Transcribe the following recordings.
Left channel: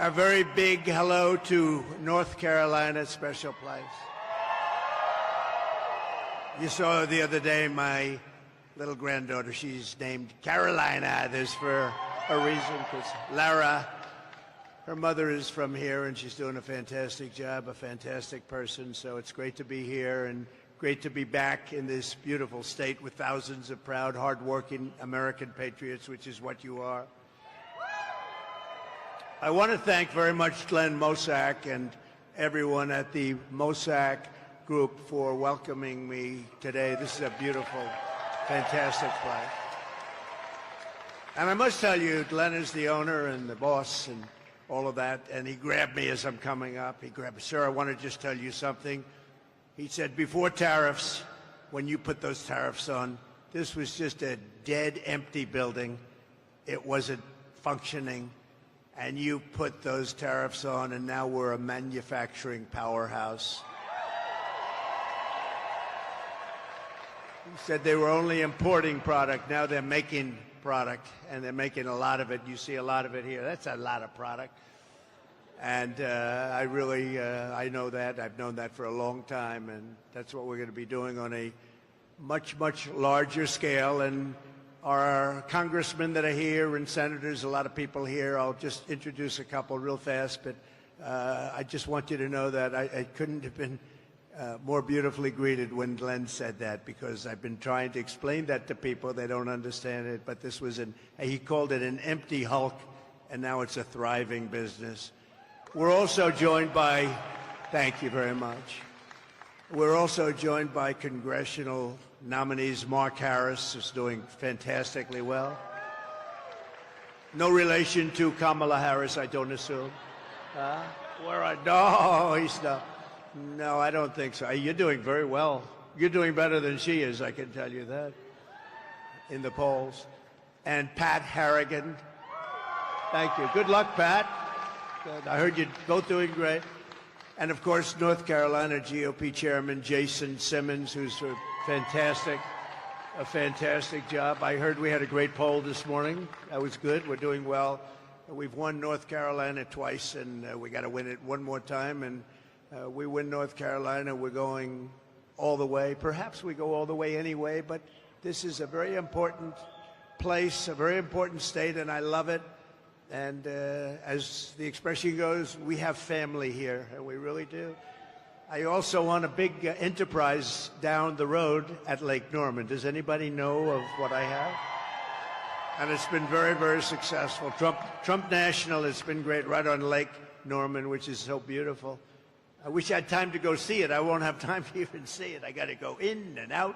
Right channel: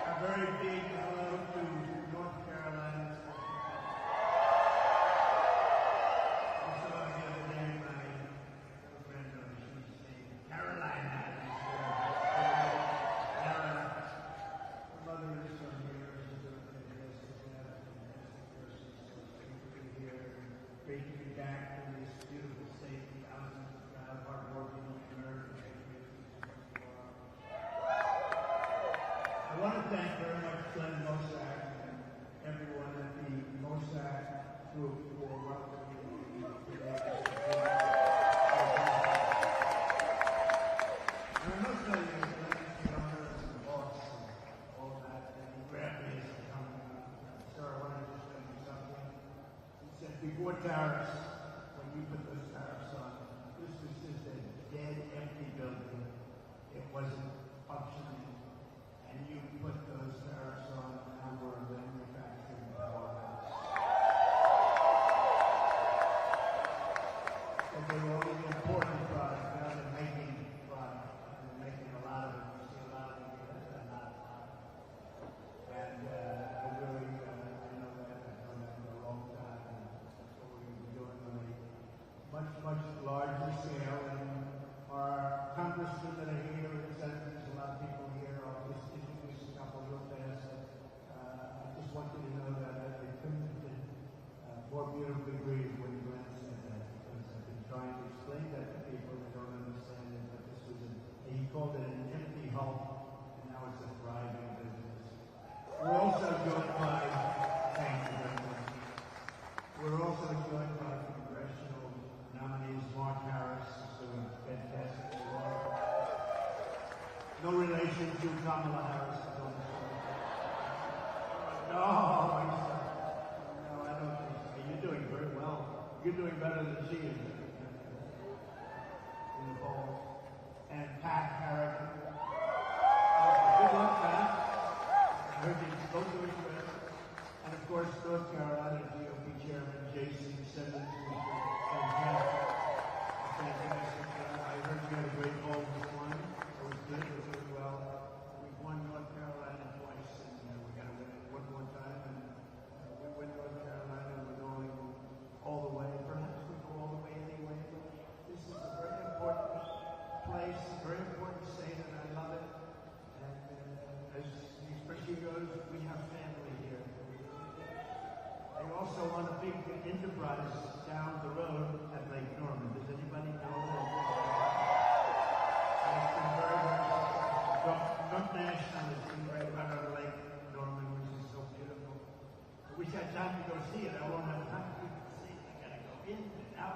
A very big hello to North Carolina, special place. You saw the other day my little granddaughter, she's named Carolina. There's for a reason, because Lara, her mother is from here, and she's doing a fantastic job, a fantastic person. So it's great to be here and great to be back in this beautiful state with thousands of proud, hardworking American patriots, which is what you are. I want to thank very much Glenn Mosack and everyone at the Mosack Group for welcoming me today. This is a beautiful, fantastic place. And I must tell you, Glenn is the owner and the boss and all of that, and he grabbed me as I'm coming up. He grabbed me, "Sir, I want to just tell you something." He said, "Before tariffs, when you put those tariffs on, this was just a dead, empty building. It wasn't functioning. And you put those tariffs on, and now we're a manufacturing powerhouse." He said they were only importing product. Now they're making product, and they're making a lot of it. You see a lot of it here. That's a lot of product. And I really, I know that. I've known that for a long time, and that's what we're going to be doing on a much, much larger scale. And our congressmen that are here and senators, a lot of people here. I'll just introduce a couple real fast, but I just want you to know that I couldn't have been more beautifully greeted when Glenn said that, because I've been trying to explain that to people. They don't understand it, but this was he called it an empty hulk, and now it's a thriving business. We're also joined by, thank you very much. We're also joined by congressional nominees. Mark Harris is doing fantastically well. No relation to Kamala Harris, I don't assume. No, he's not. No, I don't think so. You're doing very well. You're doing better than she is, I can tell you that, in the polls. And Pat Harrigan. Thank you. Good luck, Pat. I heard you're both doing great. And of course, North Carolina GOP Chairman Jason Simmons, who's a fantastic job. I heard we had a great poll this morning. That was good. We're doing well. We've won North Carolina twice, and we got to win it one more time. And we win North Carolina, we're going all the way. Perhaps we go all the way anyway, but this is a very important place, a very important state, and I love it. And as the expression goes, we have family here, and we really do. I also own a big enterprise down the road at Lake Norman. Does anybody know of what I have? And it's been very, very successful. Trump National has been great right on Lake Norman, which is so beautiful. I wish I had time to go see it. I won't have time to even see it. I got to go in and out,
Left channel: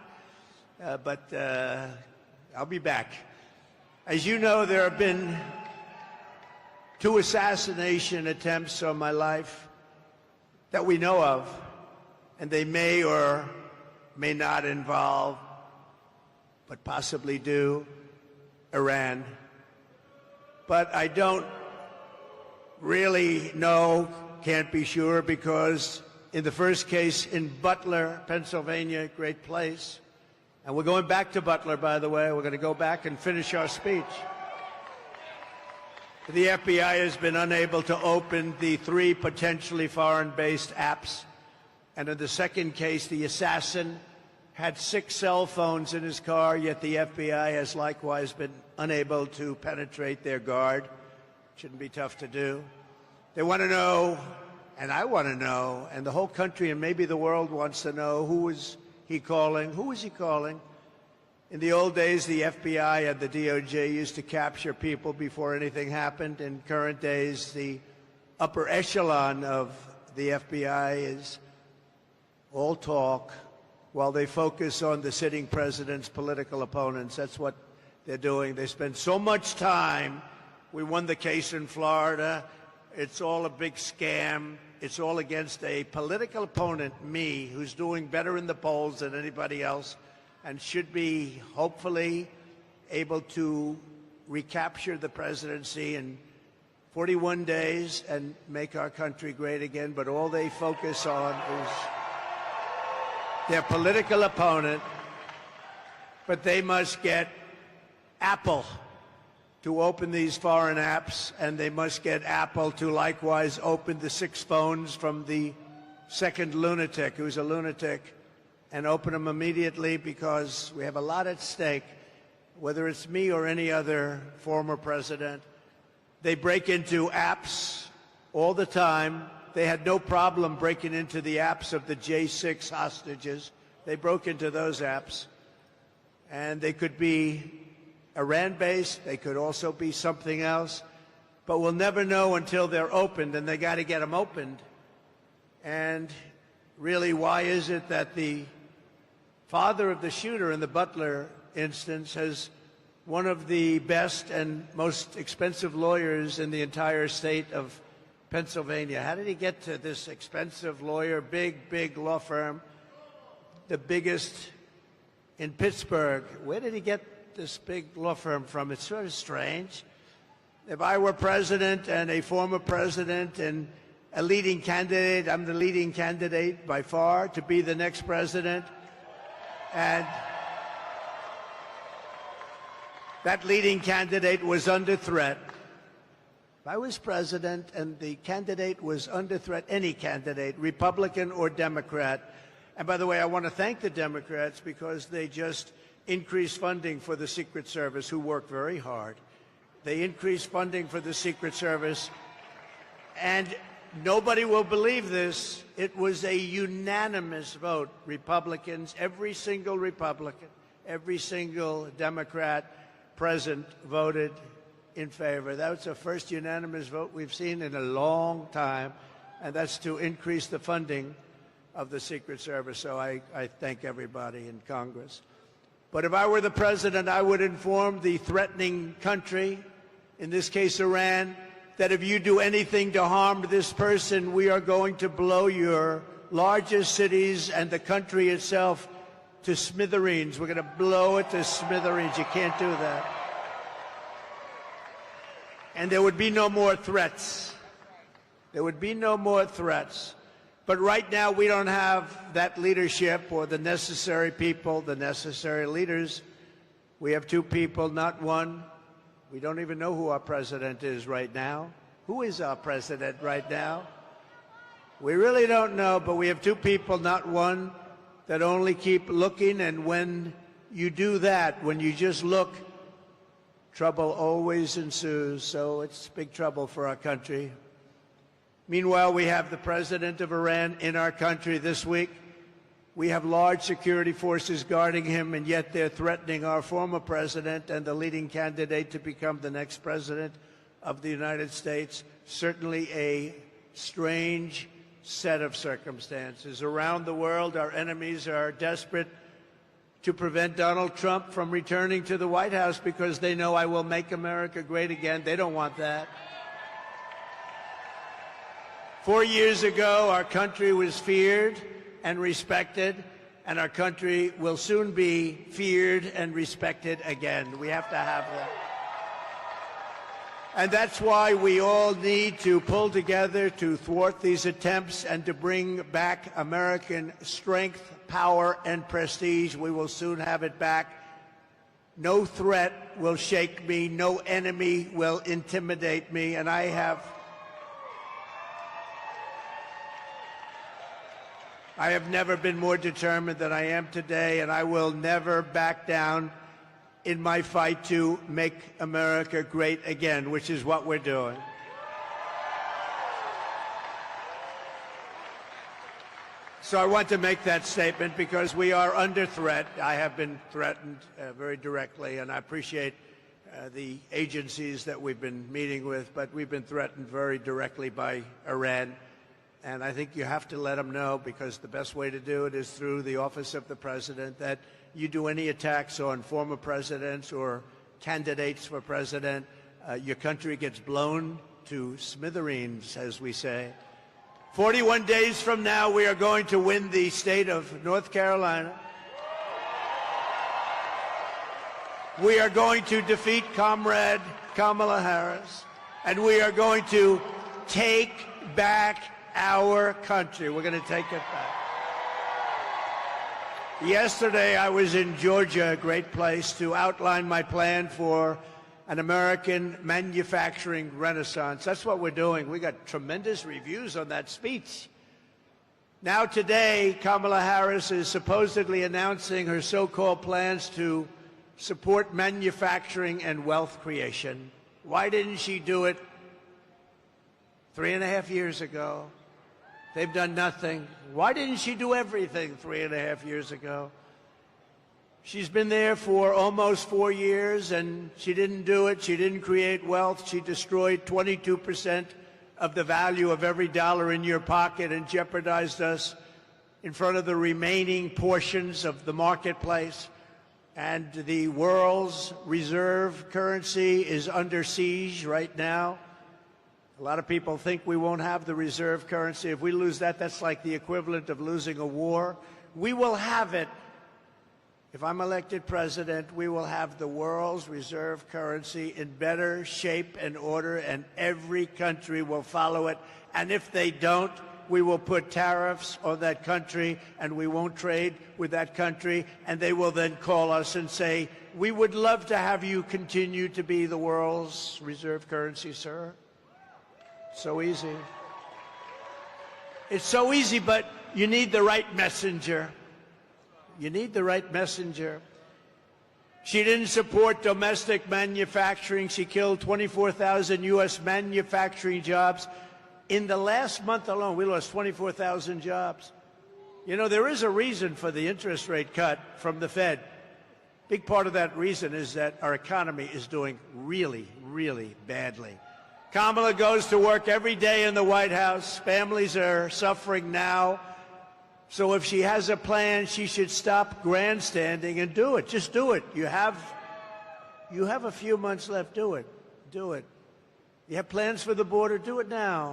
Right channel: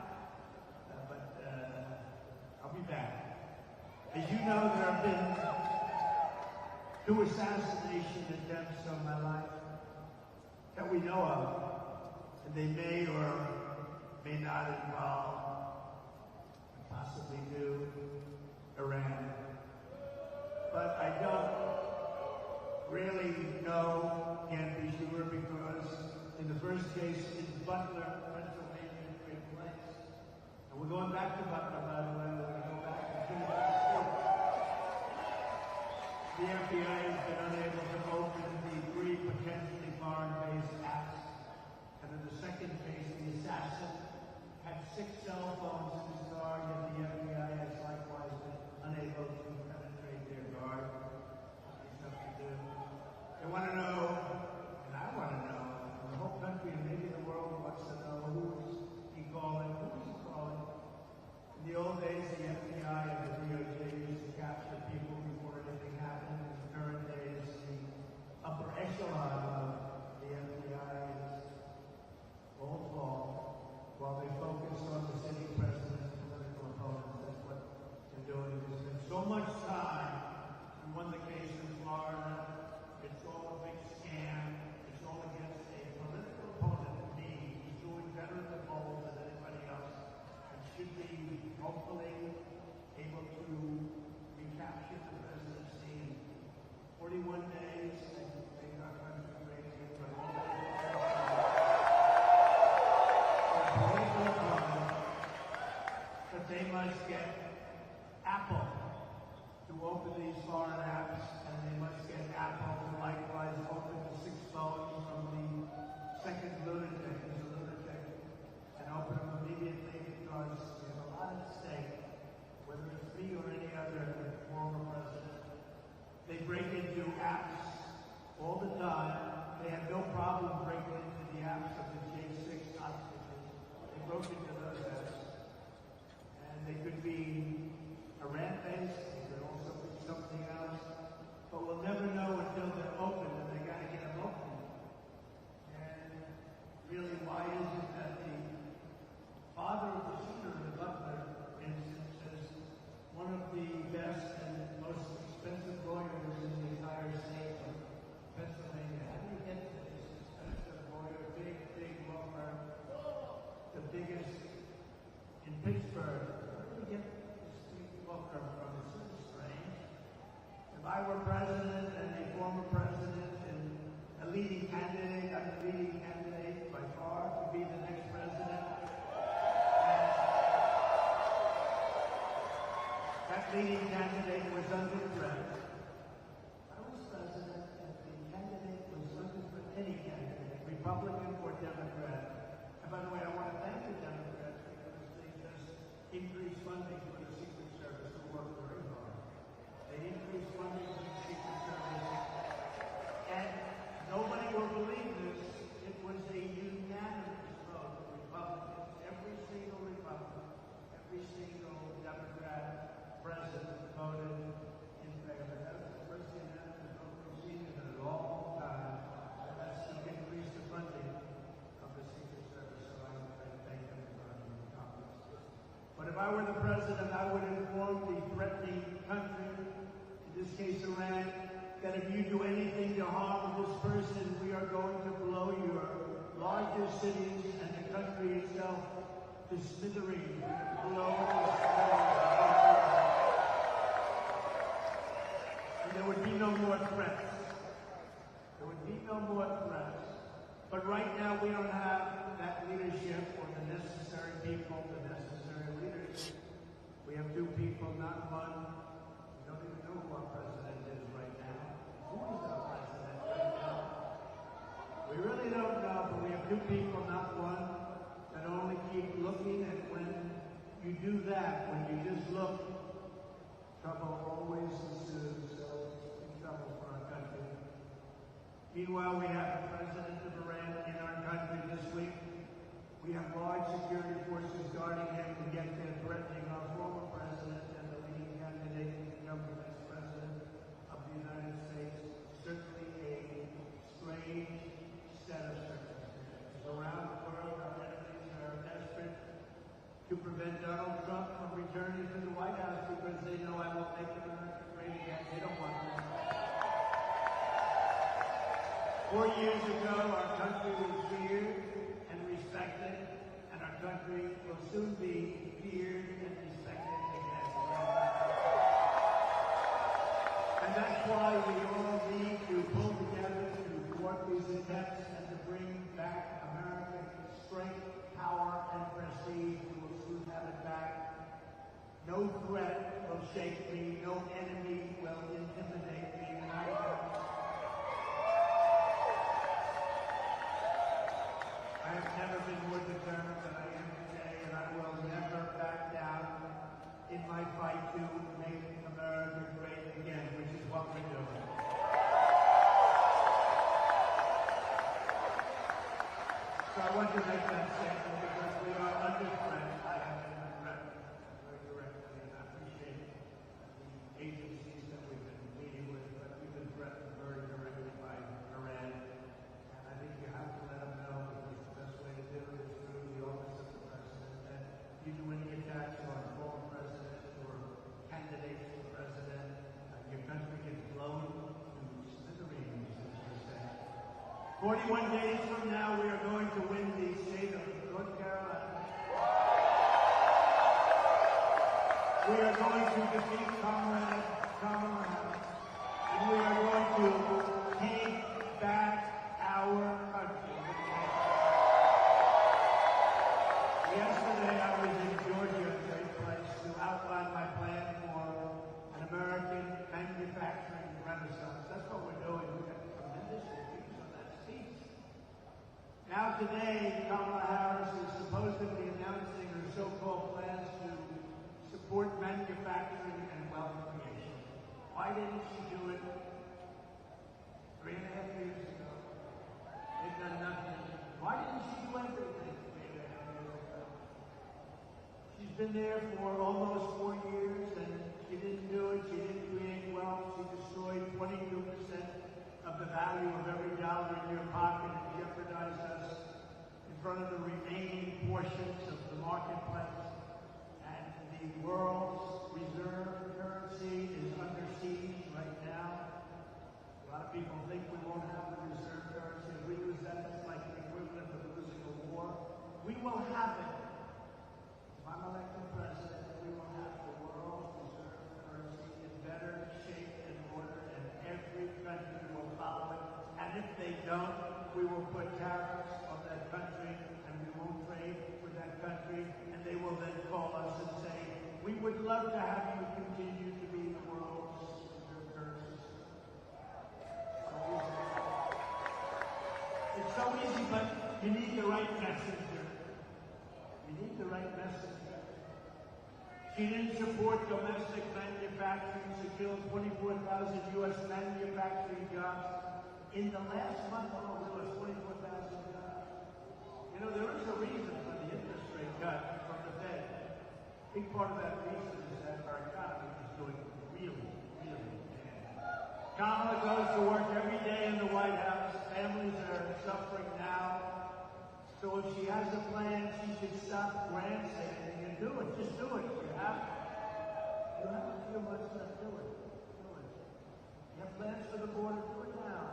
but I'll be back. As you know, there have been 2 assassination attempts on my life that we know of, and they may or may not involve, but possibly do, Iran. But I don't really know, can't be sure, because in the first case in Butler, Pennsylvania, great place, and we're going back to Butler, by the way. We're going to go back and finish our speech. The FBI has been unable to open the 3 potentially foreign-based apps. And in the second case, the assassin had 6 cell phones in his car, yet the FBI has likewise been unable to penetrate their guard. Shouldn't be tough to do. They want to know, and I want to know, and the whole country and maybe the world wants to know, who is he calling? Who is he calling? In the old days, the FBI and the DOJ used to capture people before anything happened. In current days, the upper echelon of the FBI is all talk while they focus on the sitting president's political opponents. That's what they're doing. They spend so much time. We won the case in Florida. It's all a big scam. It's all against a political opponent, me, who's doing better in the polls than anybody else, and should be hopefully able to recapture the presidency in 41 days and make our country great again. But all they focus on is their political opponent. But they must get Apple to open these foreign apps, and they must get Apple to likewise open the 6 phones from the second lunatic, who's a lunatic, and open them immediately, because we have a lot at stake, whether it's me or any other former president. They break into apps all the time. They had no problem breaking into the apps of the J6 hostages. They broke into those apps. And they could be Iran-based. They could also be something else. But we'll never know until they're opened, and they got to get them opened. And really, why is it that the father of the shooter in the Butler instance has one of the best and most expensive lawyers in the entire state of Pennsylvania? How did he get to this expensive lawyer, big law firm, the biggest in Pittsburgh? Where did he get this big law firm from? It's sort of strange. If I were president and a former president and a leading candidate, I'm the leading candidate by far to be the next president. And that leading candidate was under threat. If I was president and the candidate was under threat, any candidate, Republican or Democrat, and by the way, I want to thank the Democrats because they just increased funding for the Secret Service, who work very hard. They increased funding for the Secret Service, and nobody will believe this. It was a unanimous vote. Republicans, every single Republican, every single Democrat present voted in favor. That was the first unanimous vote we've seen in a long time, and that's to increase the funding of the Secret Service. So I thank everybody in Congress. But if I were the president, I would inform the threatening country, in this case Iran, that if you do anything to harm this person, we are going to blow your largest cities and the country itself to smithereens. We're going to blow it to smithereens. You can't do that. And there would be no more threats. There would be no more threats. But right now, we don't have that leadership or the necessary people, the necessary leaders. We have 2 people, not 1. We don't even know who our president is right now. Who is our president right now? We really don't know, but we have 2 people, not 1, that only keep looking. And when you do that, when you just look, trouble always ensues. So it's big trouble for our country. Meanwhile, we have the president of Iran in our country this week. We have large security forces guarding him, and yet they're threatening our former president and the leading candidate to become the next president of the United States. Certainly a strange set of circumstances. Around the world, our enemies are desperate to prevent Donald Trump from returning to the White House because they know I will make America great again. They don't want that. 4 years ago, our country was feared and respected, and our country will soon be feared and respected again. We have to have that. And that's why we all need to pull together to thwart these attempts and to bring back American strength, power, and prestige. We will soon have it back. No threat will shake me. No enemy will intimidate me. And I have never been more determined than I am today, and I will never back down in my fight to make America great again, which is what we're doing. So I want to make that statement because we are under threat. I have been threatened very directly, and I appreciate the agencies that we've been meeting with, but we've been threatened very directly by Iran. And I think you have to let them know, because the best way to do it is through the office of the president, that you do any attacks on former presidents or candidates for president, your country gets blown to smithereens, as we say. 41 days from now, we are going to win the state of North Carolina. We are going to defeat Comrade Kamala Harris, and we are going to take back our country. We're going to take it back. Yesterday, I was in Georgia, a great place, to outline my plan for an American manufacturing renaissance. That's what we're doing. We got tremendous reviews on that speech. Now today, Kamala Harris is supposedly announcing her so-called plans to support manufacturing and wealth creation. Why didn't she do it 3.5 years ago? They've done nothing. Why didn't she do everything 3.5 years ago? She's been there for almost 4 years, and she didn't do it. She didn't create wealth. She destroyed 22% of the value of every dollar in your pocket and jeopardized us in front of the remaining portions of the marketplace. And the world's reserve currency is under siege right now. A lot of people think we won't have the reserve currency. If we lose that, that's like the equivalent of losing a war. We will have it. If I'm elected president, we will have the world's reserve currency in better shape and order, and every country will follow it. And if they don't, we will put tariffs on that country, and we won't trade with that country, and they will then call us and say, we would love to have you continue to be the world's reserve currency, sir. So easy. It's so easy, but you need the right messenger. You need the right messenger. She didn't support domestic manufacturing. She killed 24,000 U.S. manufacturing jobs. In the last month alone, we lost 24,000 jobs. You know, there is a reason for the interest rate cut from the Fed. Big part of that reason is that our economy is doing really, really badly. Kamala goes to work every day in the White House. Families are suffering now. So if she has a plan, she should stop grandstanding and do it. Just do it. You have a few months left. Do it. Do it. You have plans for the border? Do it now.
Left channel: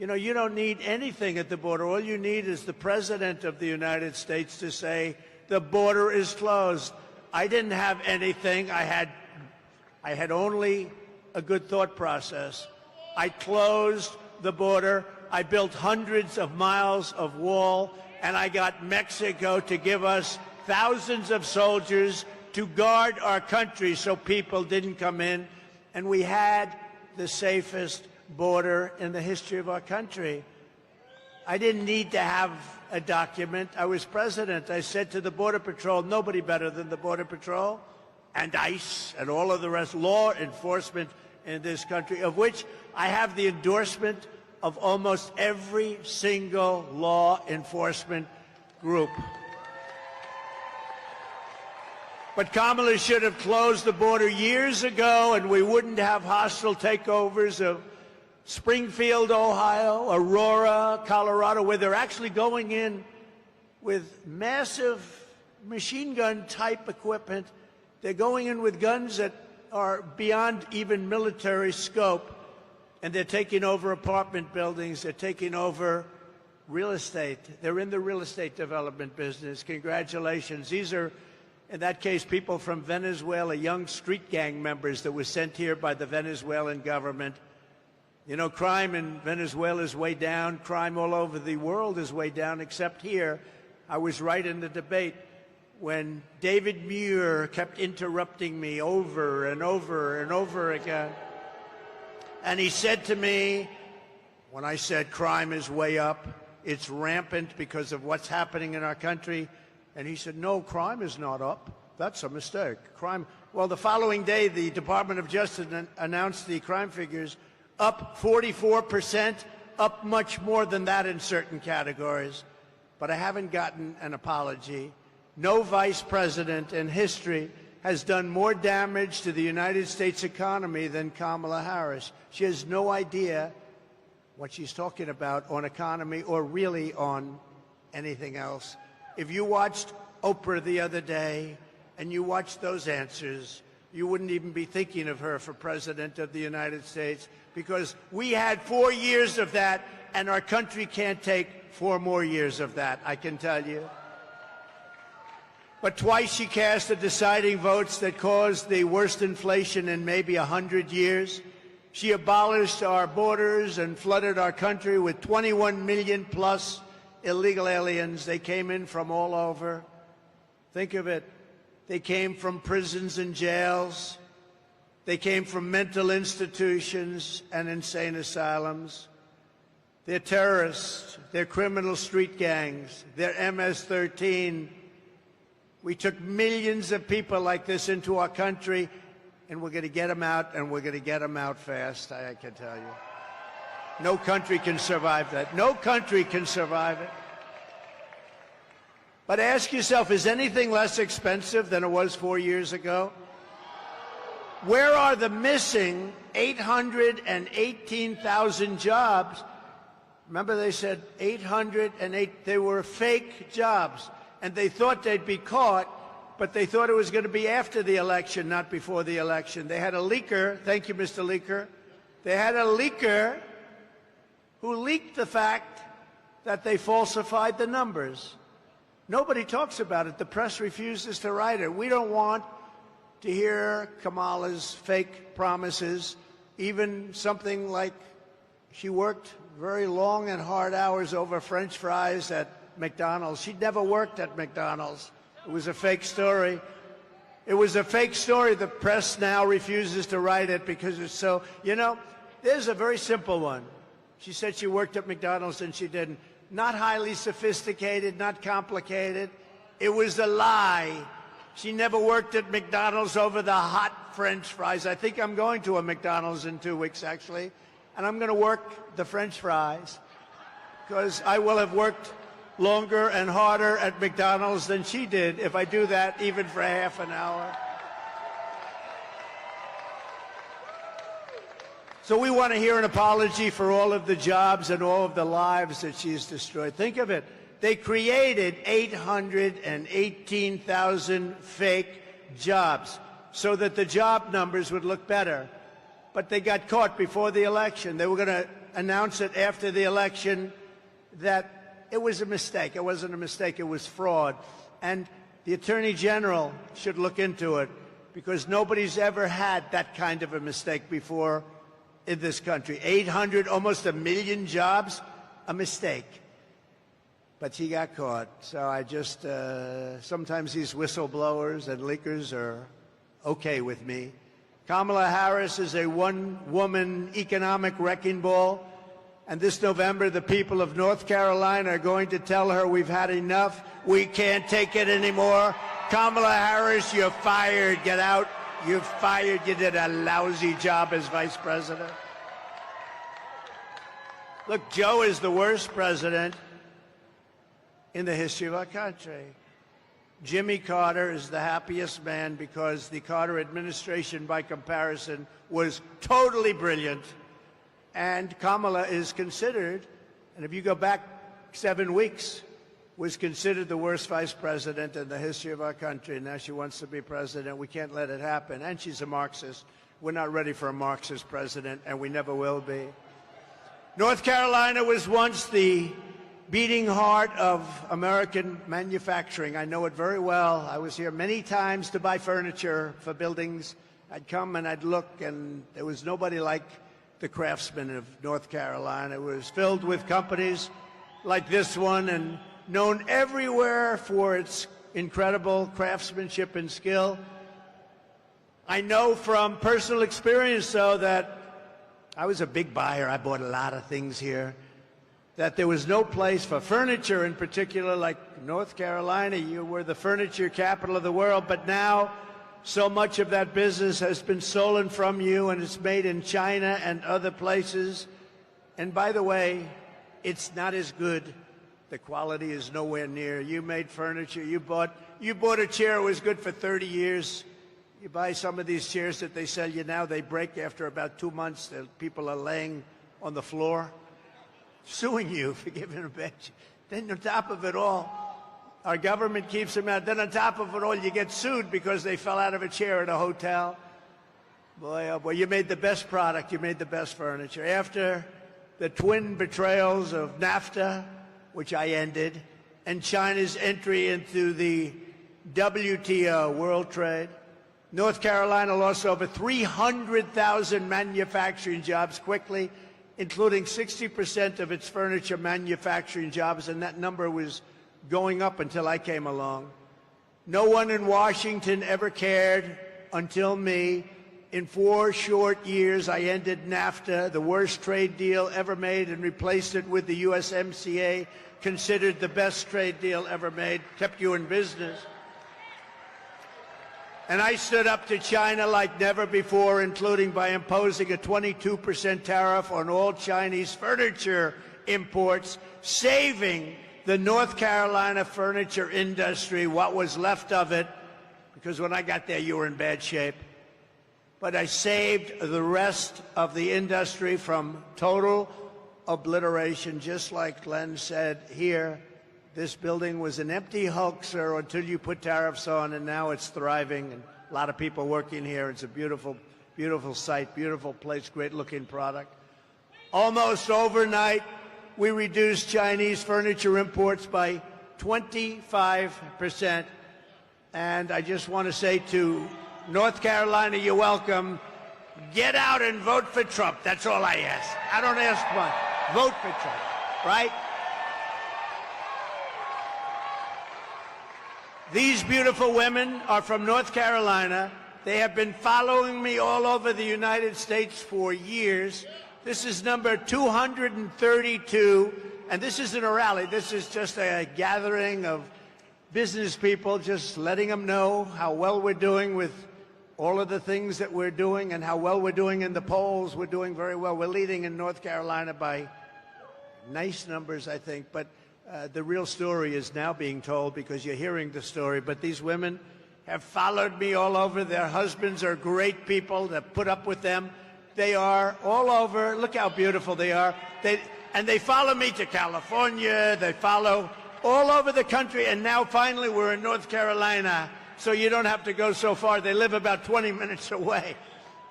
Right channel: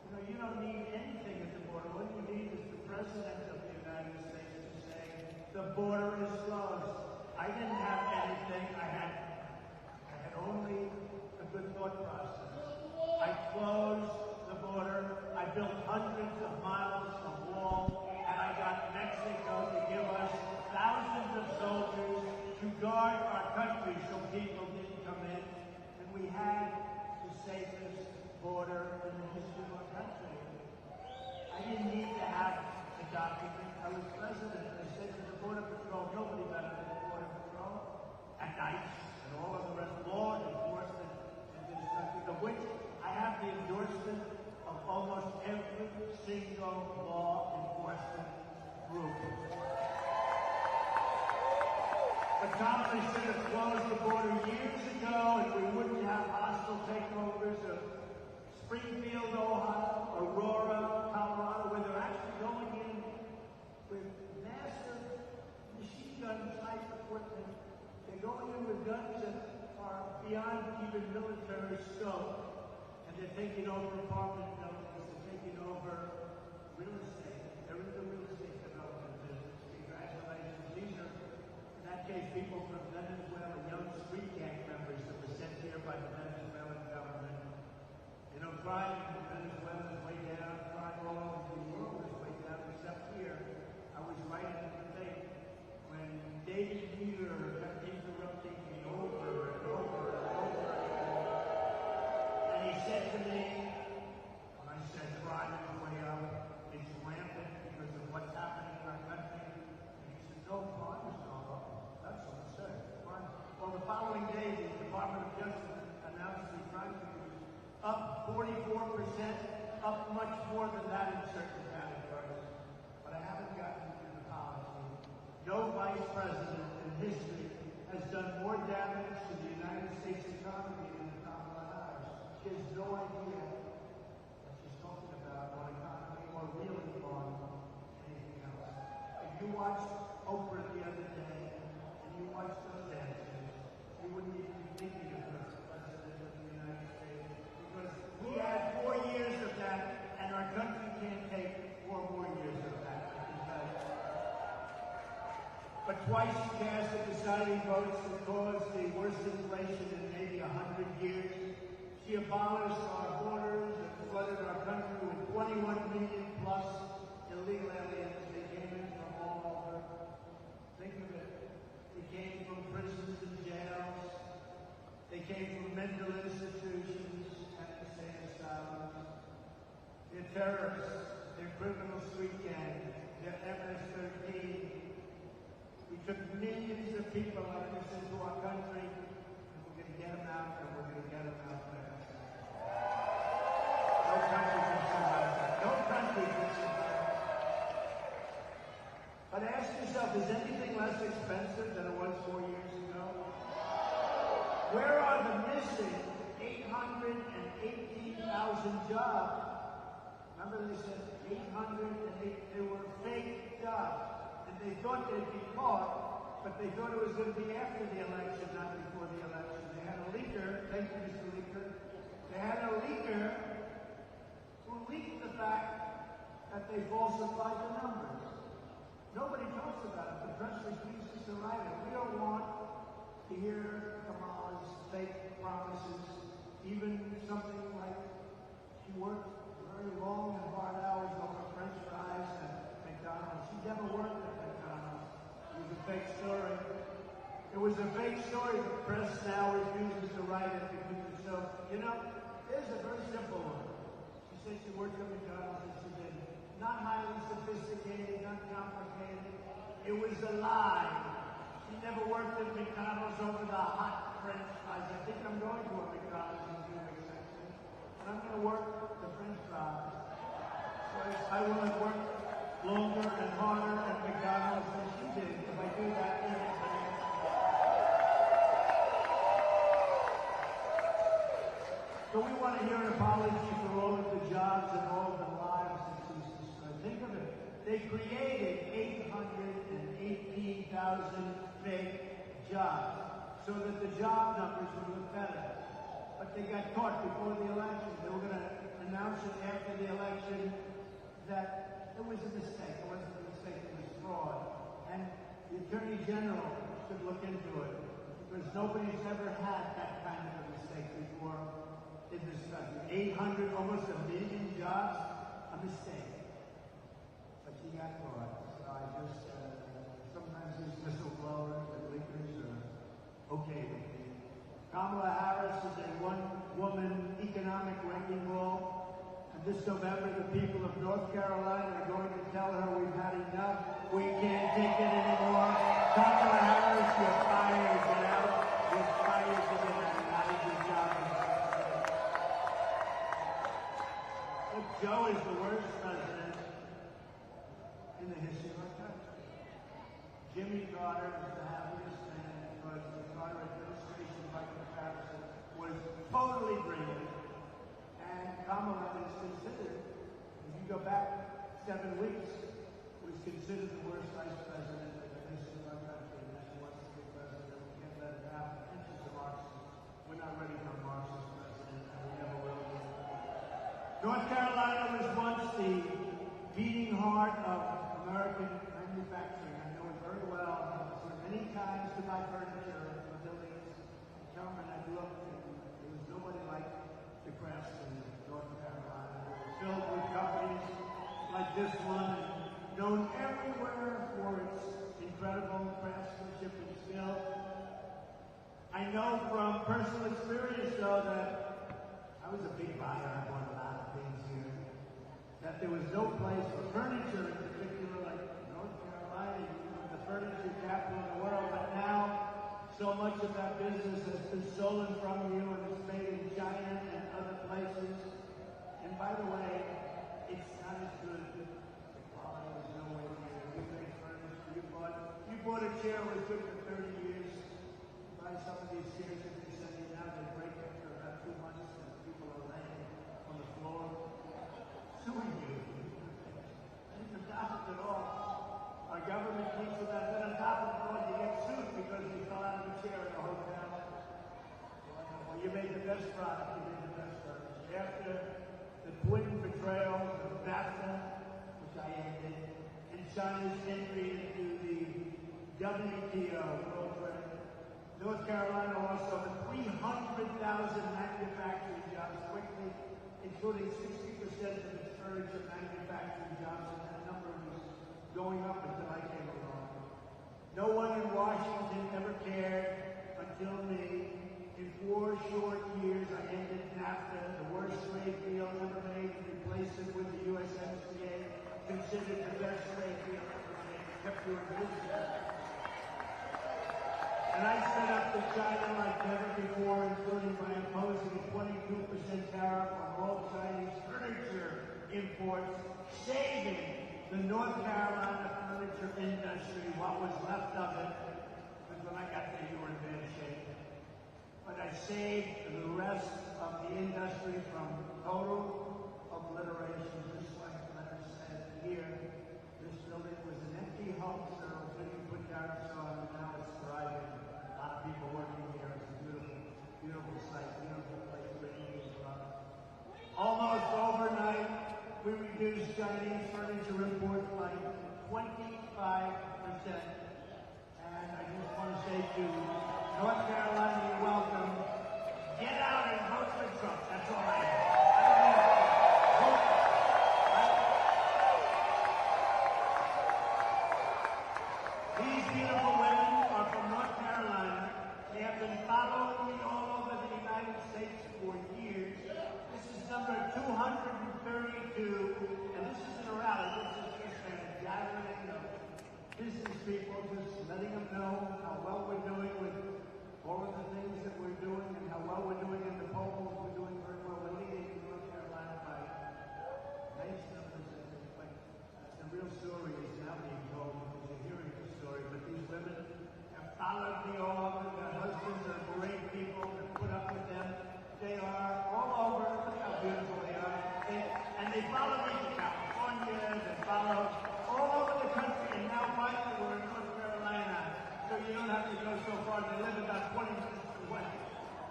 You know, you don't need anything at the border. All you need is the President of the United States to say, the border is closed. I didn't have anything. I had only a good thought process. I closed the border. I built hundreds of miles of wall, and I got Mexico to give us thousands of soldiers to guard our country so people didn't come in. And we had the safest border in the history of our country. I didn't need to have a document. I was president. I said to the Border Patrol, nobody better than the Border Patrol and ICE and all of the rest, law enforcement in this country, of which I have the endorsement of almost every single law enforcement group. But Kamala should have closed the border years ago, and we wouldn't have hostile takeovers of Springfield, Ohio, Aurora, Colorado, where they're actually going in with massive machine gun type equipment. They're going in with guns that are beyond even military scope, and they're taking over apartment buildings. They're taking over real estate. They're in the real estate development business. Congratulations. These are, in that case, people from Venezuela, young street gang members that were sent here by the Venezuelan government. You know, crime in Venezuela is way down. Crime all over the world is way down, except here. I was right in the debate when David Muir kept interrupting me over and over and over again. And he said to me, when I said crime is way up, it's rampant because of what's happening in our country, and he said, no, crime is not up. That's a mistake. Crime. Well, the following day, the Department of Justice announced the crime figures up 44%, up much more than that in certain categories. But I haven't gotten an apology. No vice president in history has done more damage to the United States economy than Kamala Harris. She has no idea what she's talking about on economy or really on anything else. If you watched Oprah the other day and you watched those answers, you wouldn't even be thinking of her for President of the United States, because we had 4 years of that, and our country can't take 4 more years of that, I can tell you. But twice she cast the deciding votes that caused the worst inflation in maybe 100 years. She abolished our borders and flooded our country with 21 million plus illegal aliens. They came in from all over. Think of it. They came from prisons and jails. They came from mental institutions and insane asylums. They're terrorists. They're criminal street gangs. They're MS-13. We took millions of people like this into our country, and we're going to get them out, and we're going to get them out fast, I can tell you. No country can survive that. No country can survive it. But ask yourself, is anything less expensive than it was 4 years ago? Where are the missing 818,000 jobs? Remember they said 808, they were fake jobs. And they thought they'd be caught, but they thought it was going to be after the election, not before the election. They had a leaker, thank you, Mr. Leaker. They had a leaker who leaked the fact that they falsified the numbers. Nobody talks about it. The press refuses to write it. We don't want to hear Kamala's fake promises, even something like she worked very long and hard hours over French fries at McDonald's. She'd never worked at McDonald's. It was a fake story. It was a fake story. The press now refuses to write it because it's so, you know, there's a very simple one. She said she worked at McDonald's and she didn't. Not highly sophisticated, not complicated. It was a lie. She never worked at McDonald's over the hot French fries. I think I'm going to a McDonald's in 2 weeks, actually, and I'm going to work the French fries because I will have worked longer and harder at McDonald's than she did if I do that even for half an hour. So we want to hear an apology for all of the jobs and all of the lives that she's destroyed. Think of it. They created 818,000 fake jobs so that the job numbers would look better. But they got caught before the election. They were going to announce it after the election that it was a mistake. It wasn't a mistake. It was fraud. And the Attorney General should look into it because nobody's ever had that kind of a mistake before in this country. 800, almost 1 million jobs, a mistake. But she got caught. So I just, sometimes these whistleblowers and leakers are okay with me. Kamala Harris is a one-woman economic wrecking ball. And this November, the people of North Carolina are going to tell her we've had enough. We can't take it anymore. Kamala Harris, you're fired. Get out. You're fired. You did a lousy job as vice president. Look, Joe is the worst president in the history of our country. Jimmy Carter is the happiest man because the Carter administration, by comparison, was totally brilliant. And Kamala is considered, and if you go back 7 weeks, was considered the worst vice president in the history of our country. Now she wants to be president. We can't let it happen. And she's a Marxist. We're not ready for a Marxist president, and we never will be. North Carolina was once the beating heart of American manufacturing. I know it very well. I was here many times to buy furniture for buildings. I'd come and I'd look, and there was nobody like the Craftsman of North Carolina. It was filled with companies like this one and known everywhere for its incredible craftsmanship and skill. I know from personal experience, though, that I was a big buyer. I bought a lot of things here. That there was no place for furniture in particular like North Carolina. You were the furniture capital of the world, but now so much of that business has been stolen from you, and it's made in China and other places. And by the way, it's not as good. The quality is nowhere near. You made furniture. You bought a chair. It was good for 30 years. You buy some of these chairs that they sell you now, they break after about 2 months. People are laying on the floor, suing you for giving a bench. Then on top of it all, our government keeps them out. Then on top of it all, you get sued because they fell out of a chair at a hotel. Boy, oh boy, you made the best product. You made the best furniture. After the twin betrayals of NAFTA, which I ended, and China's entry into the WTO, World Trade, North Carolina lost over 300,000 manufacturing jobs quickly, including 60% of its furniture manufacturing jobs, and that number was going up until I came along. No one in Washington ever cared until me. In 4 short years, I ended NAFTA, the worst trade deal ever made, and replaced it with the USMCA, considered the best trade deal ever made, kept you in business. And I stood up to China like never before, including by imposing a 22% tariff on all Chinese furniture imports, saving the North Carolina furniture industry, what was left of it, because when I got there, you were in bad shape. But I saved the rest of the industry from total obliteration, just like Glenn said here. This building was an empty hoaxer until you put tariffs on, and now it's thriving, and a lot of people working here. It's a beautiful, beautiful site, beautiful place, great-looking product. Almost overnight, we reduced Chinese furniture imports by 25%. And I just want to say to North Carolina, you're welcome. Get out and vote for Trump. That's all I ask. I don't ask much. Vote for Trump, right? These beautiful women are from North Carolina. They have been following me all over the United States for years. This is number 232, and this isn't a rally. This is just a gathering of business people, just letting them know how well we're doing with all of the things that we're doing and how well we're doing in the polls. We're doing very well. We're leading in North Carolina by nice numbers, I think, but the real story is now being told because you're hearing the story. But these women have followed me all over. Their husbands are great people that put up with them. They are all over. Look how beautiful they are. And they follow me to California. They follow all over the country. And now finally we're in North Carolina, so you don't have to go so far. They live about 20 minutes away.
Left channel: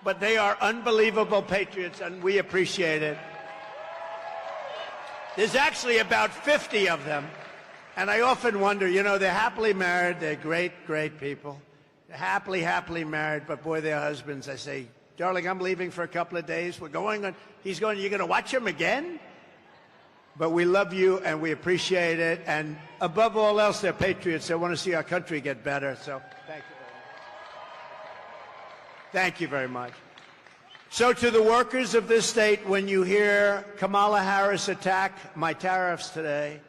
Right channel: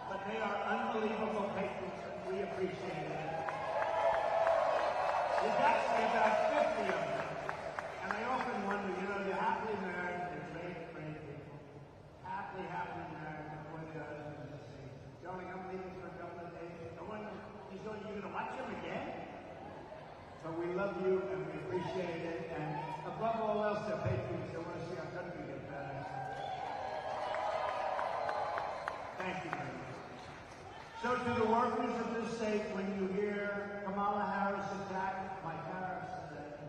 But they are unbelievable patriots, and we appreciate it. There's actually about 50 of them. And I often wonder, you know, they're happily married. They're great, great people. They're happily married. But boy, their husbands, I say, darling, I'm leaving for a couple of days. We're going on. He's going, you're going to watch him again? But we love you, and we appreciate it. And above all else, they're patriots. They want to see our country get better. So thank you. Thank you very much. So to the workers of this state, when you hear Kamala Harris attack my tariffs today,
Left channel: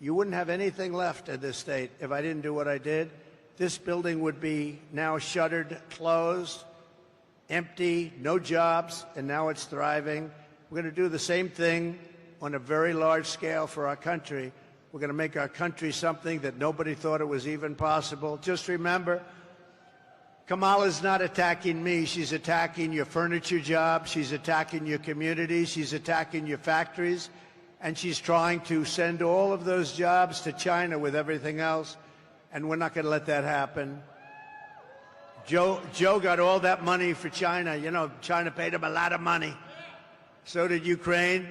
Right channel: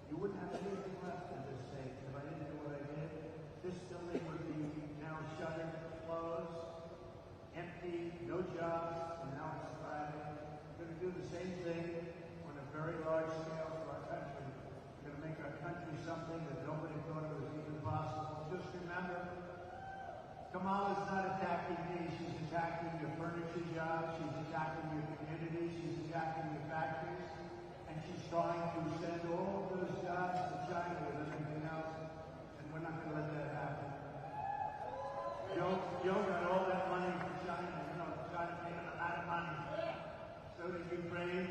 you wouldn't have anything left at this state if I didn't do what I did. This building would be now shuttered, closed, empty, no jobs, and now it's thriving. We're going to do the same thing on a very large scale for our country. We're going to make our country something that nobody thought it was even possible. Just remember, Kamala's not attacking me. She's attacking your furniture jobs. She's attacking your communities. She's attacking your factories. And she's trying to send all of those jobs to China with everything else. And we're not going to let that happen. Joe got all that money for China. You know, China paid him a lot of money. So did Ukraine.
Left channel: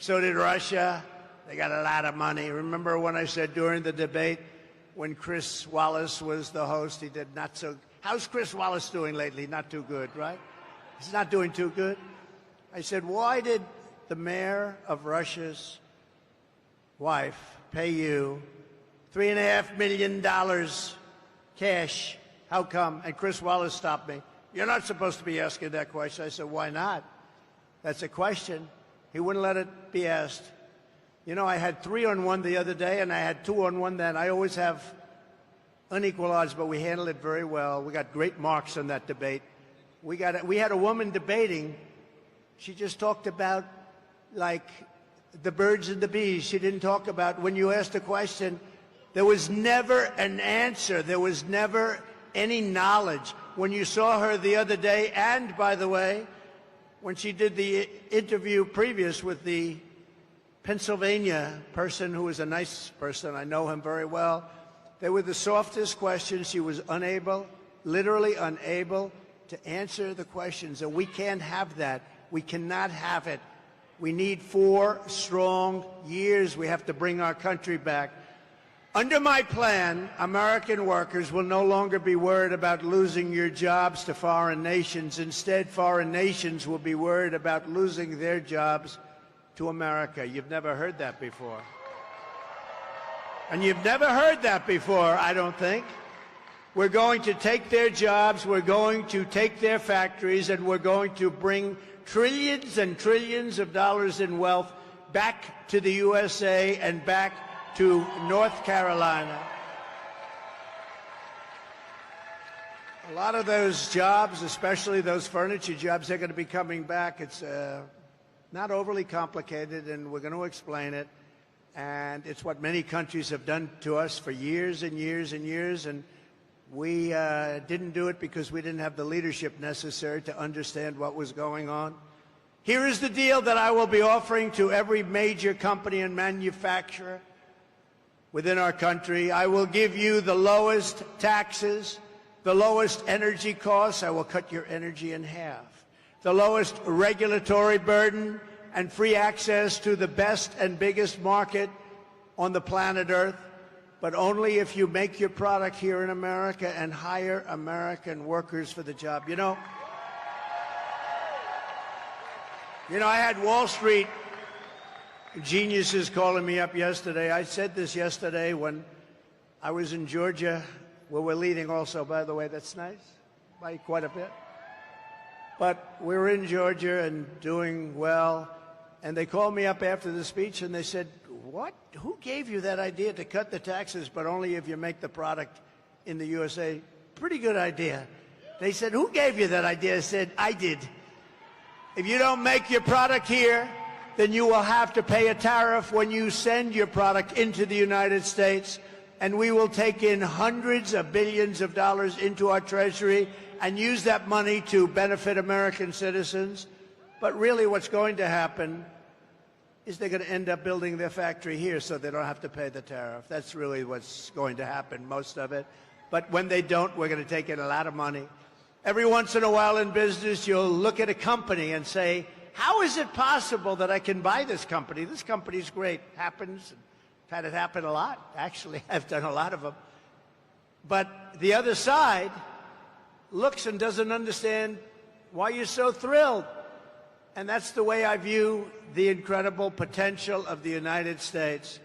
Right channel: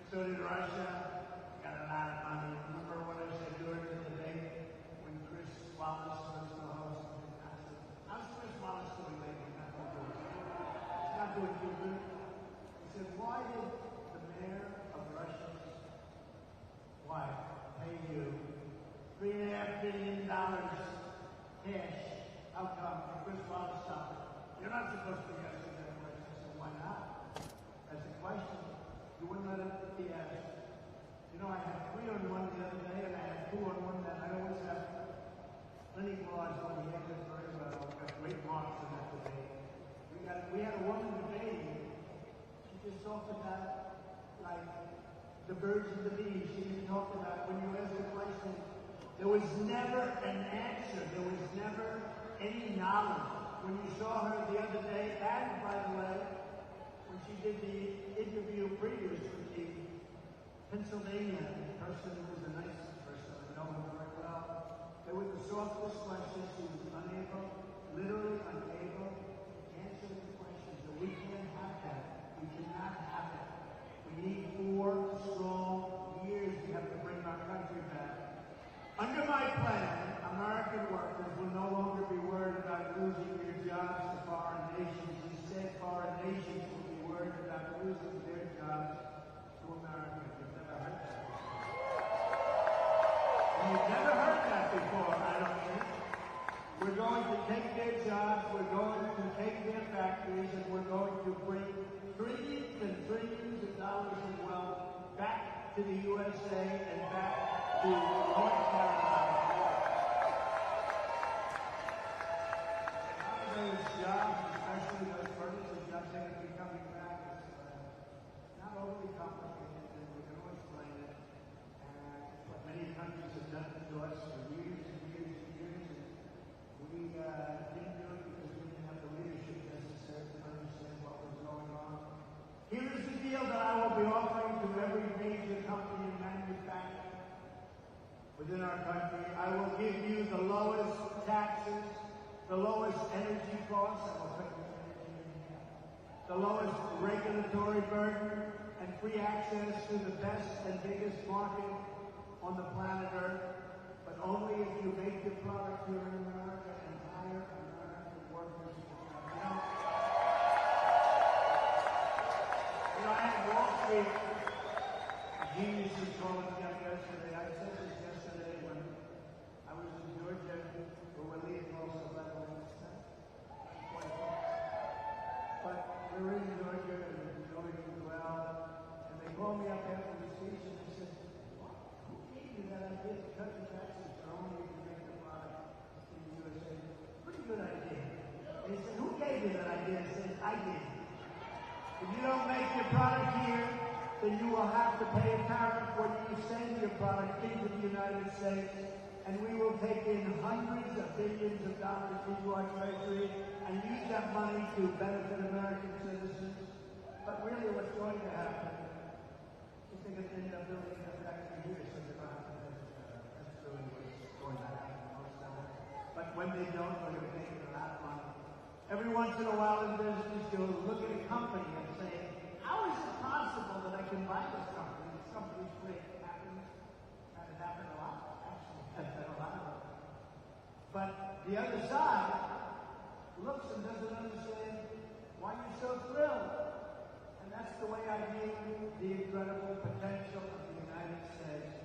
So did Russia. They got a lot of money. Remember when I said during the debate, when Chris Wallace was the host, he did not so. How's Chris Wallace doing lately? Not too good, right? He's not doing too good. I said, why did the mayor of Russia's wife pay you $3.5 million cash? How come? And Chris Wallace stopped me. You're not supposed to be asking that question. I said, why not? That's a question. He wouldn't let it be asked. You know, I had 3-on-1 the other day, and I had 2-on-1 then. I always have unequal odds, but we handled it very well. We got great marks on that debate. We had a woman debating. She just talked about, like, the birds and the bees. She didn't talk about, when you asked a question, there was never an answer. There was never any knowledge. When you saw her the other day, and by the way, when she did the interview previous with the Pennsylvania person who was a nice person, I know him very well, they were the softest questions. She was unable, literally unable, to answer the questions. And we can't have that. We cannot have it. We need 4 strong years. We have to bring our country back. Under my plan, American workers will no longer be worried about losing your jobs to foreign nations. Instead, foreign nations will be worried about losing their jobs to America. You've never heard that before. And you've never heard that before, I don't think. We're going to take their jobs, we're going to take their factories, and we're going to bring trillions and trillions of dollars in wealth back to the USA and back to North Carolina. A lot of those jobs, especially those furniture jobs, they're going to be coming back. It's not overly complicated, and we're going to explain it. And it's what many countries have done to us for years and years and years. And we didn't do it because we didn't have the leadership necessary to understand what was going on. Here is the deal that I will be offering to every major company and manufacturer within our country. I will give you the lowest taxes, the lowest energy costs. I will cut your energy in half. The lowest regulatory burden and free access to the best and biggest market on the planet Earth, but only if you make your product here in America and hire American workers for the job. You know, I had Wall Street geniuses calling me up yesterday. I said this yesterday when I was in Georgia, where we're leading also, by the way. That's nice, by quite a bit. But we were in Georgia and doing well, and they called me up after the speech and they said, "What? Who gave you that idea to cut the taxes, but only if you make the product in the USA?" Pretty good idea. They said, "Who gave you that idea?" I said, "I did. If you don't make your product here, then you will have to pay a tariff when you send your product into the United States, and we will take in hundreds of billions of dollars into our treasury and use that money to benefit American citizens." But really what's going to happen is they're going to end up building their factory here so they don't have to pay the tariff. That's really what's going to happen, most of it. But when they don't, we're going to take in a lot of money. Every once in a while in business, you'll look at a company and say, how is it possible that I can buy this company? This company's great. Happens. I've had it happen a lot. Actually, I've done a lot of them. But the other side looks and doesn't understand why you're so thrilled. And that's the way I view the incredible potential of the United States.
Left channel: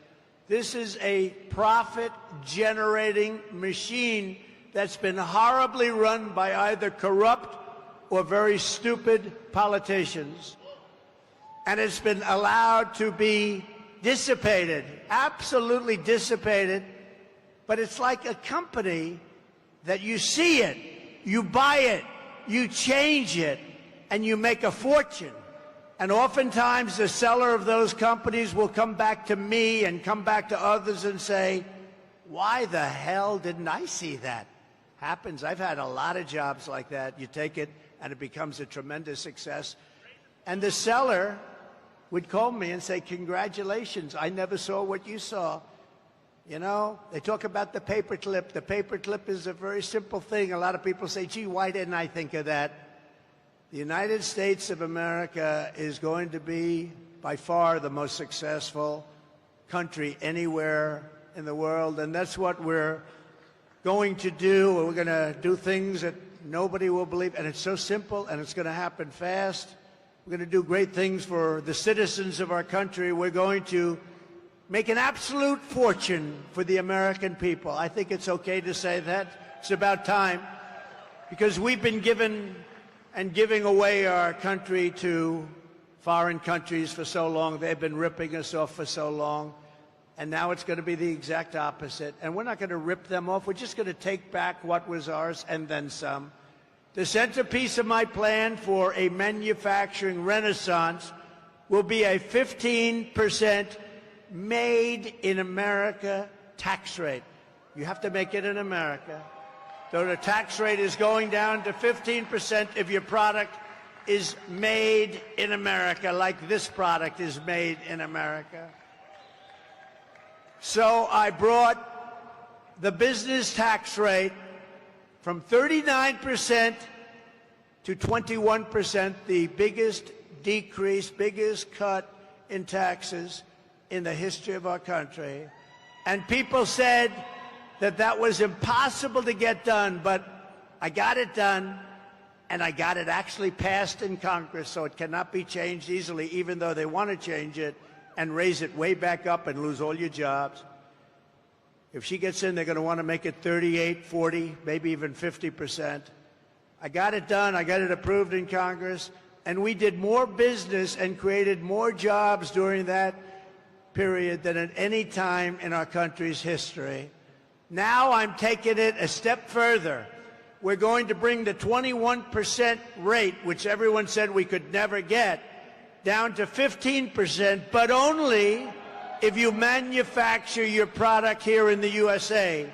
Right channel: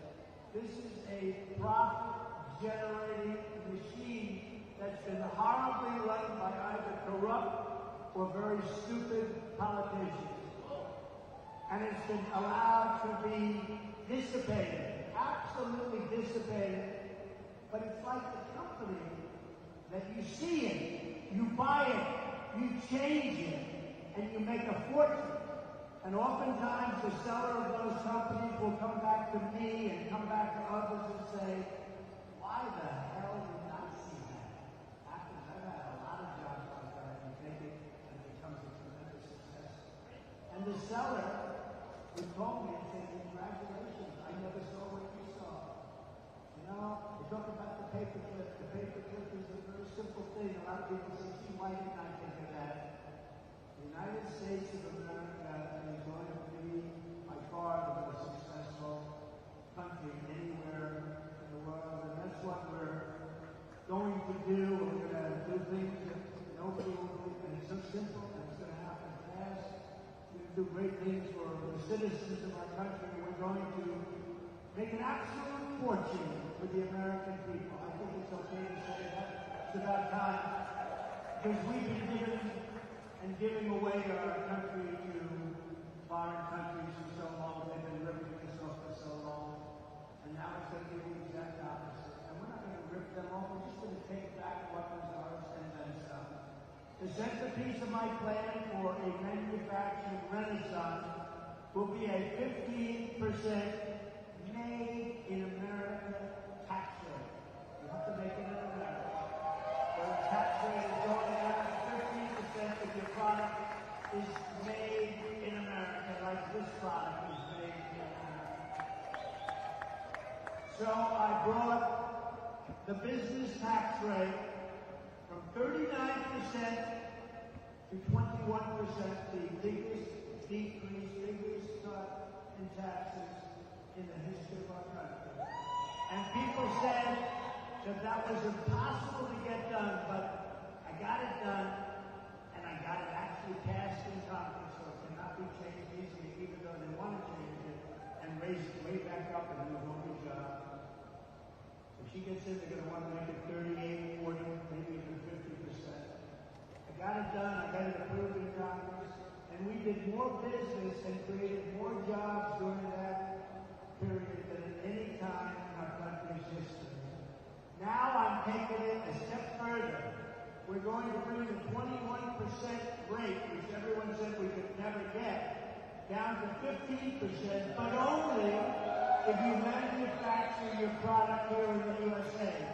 This is a profit-generating machine that's been horribly run by either corrupt or very stupid politicians. And it's been allowed to be dissipated, absolutely dissipated. But it's like a company that you see it, you buy it, you change it, and you make a fortune. And oftentimes the seller of those companies will come back to me and come back to others and say, why the hell didn't I see that? Happens. I've had a lot of jobs like that. You take it and it becomes a tremendous success. And the seller would call me and say, congratulations, I never saw what you saw. You know, they talk about the paperclip. The paperclip is a very simple thing. A lot of people say, gee, why didn't I think of that? The United States of America is going to be, by far, the most successful country anywhere in the world, and that's what we're going to do. We're going to do things that nobody will believe, and it's so simple, and it's going to happen fast. We're going to do great things for the citizens of our country. We're going to make an absolute fortune for the American people. I think it's okay to say that. It's about time, because we've been given and giving away our country to foreign countries for so long. They've been ripping us off for so long. And now it's going to be the exact opposite. And we're not going to rip them off. We're just going to take back what was ours and then some. The centerpiece of my plan for a manufacturing renaissance will be a 15% made in America tax rate. You have to make it in America. So the tax rate is going down to 15% if your product is made in America, like this product is made in America. So I brought the business tax rate from 39% to 21%, the biggest decrease, biggest cut in taxes in the history of our country. And people said that that was impossible to get done, but I got it done, and I got it actually passed in Congress, so it cannot be changed easily, even though they want to change it and raise it way back up and lose all your jobs. If she gets in, they're going to want to make it 38, 40, maybe even 50%. I got it done. I got it approved in Congress. And we did more business and created more jobs during that period than at any time in our country's history. Now I'm taking it a step further. We're going to bring the 21% rate, which everyone said we could never get, down to 15%, but only if you manufacture your product here in the USA,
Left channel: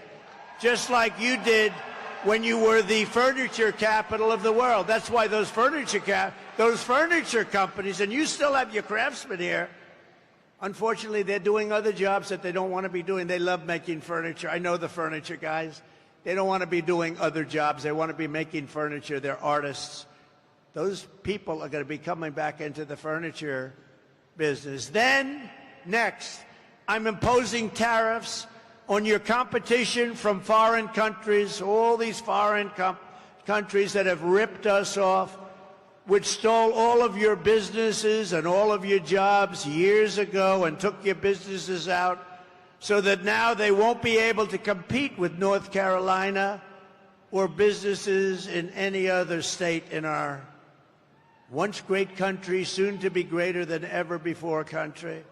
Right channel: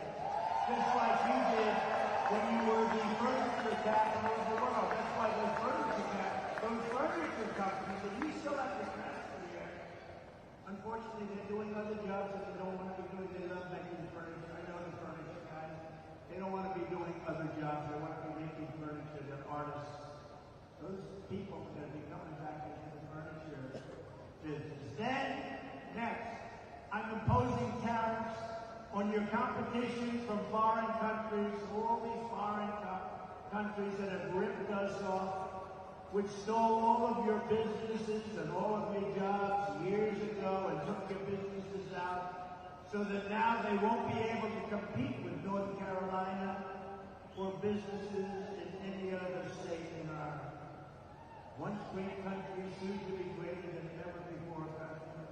just like you did when you were the furniture capital of the world. That's why those furniture companies, and you still have your craftsmen here, unfortunately, they're doing other jobs that they don't want to be doing. They love making furniture. I know the furniture guys. They don't want to be doing other jobs. They want to be making furniture. They're artists. Those people are going to be coming back into the furniture business. Then, next, I'm imposing tariffs on your competition from foreign countries, all these foreign countries that have ripped us off, which stole all of your businesses and all of your jobs years ago and took your businesses out, so that now they won't be able to compete with North Carolina or businesses in any other state in our once great country, soon to be greater than ever before country.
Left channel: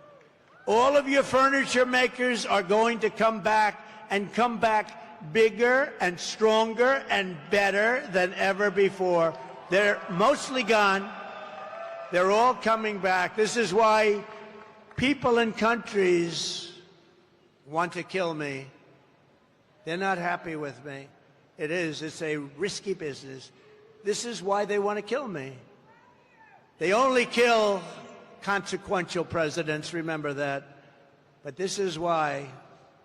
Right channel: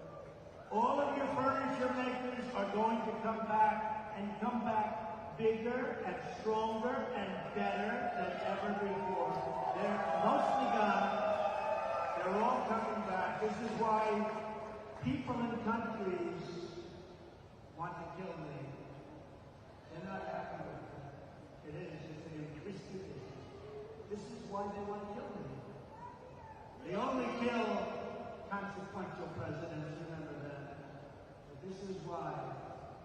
All of your furniture makers are going to come back, and come back bigger and stronger and better than ever before. They're mostly gone. They're all coming back. This is why people in countries want to kill me. They're not happy with me. It's a risky business. This is why they want to kill me. They only kill consequential presidents, remember that. But this is why,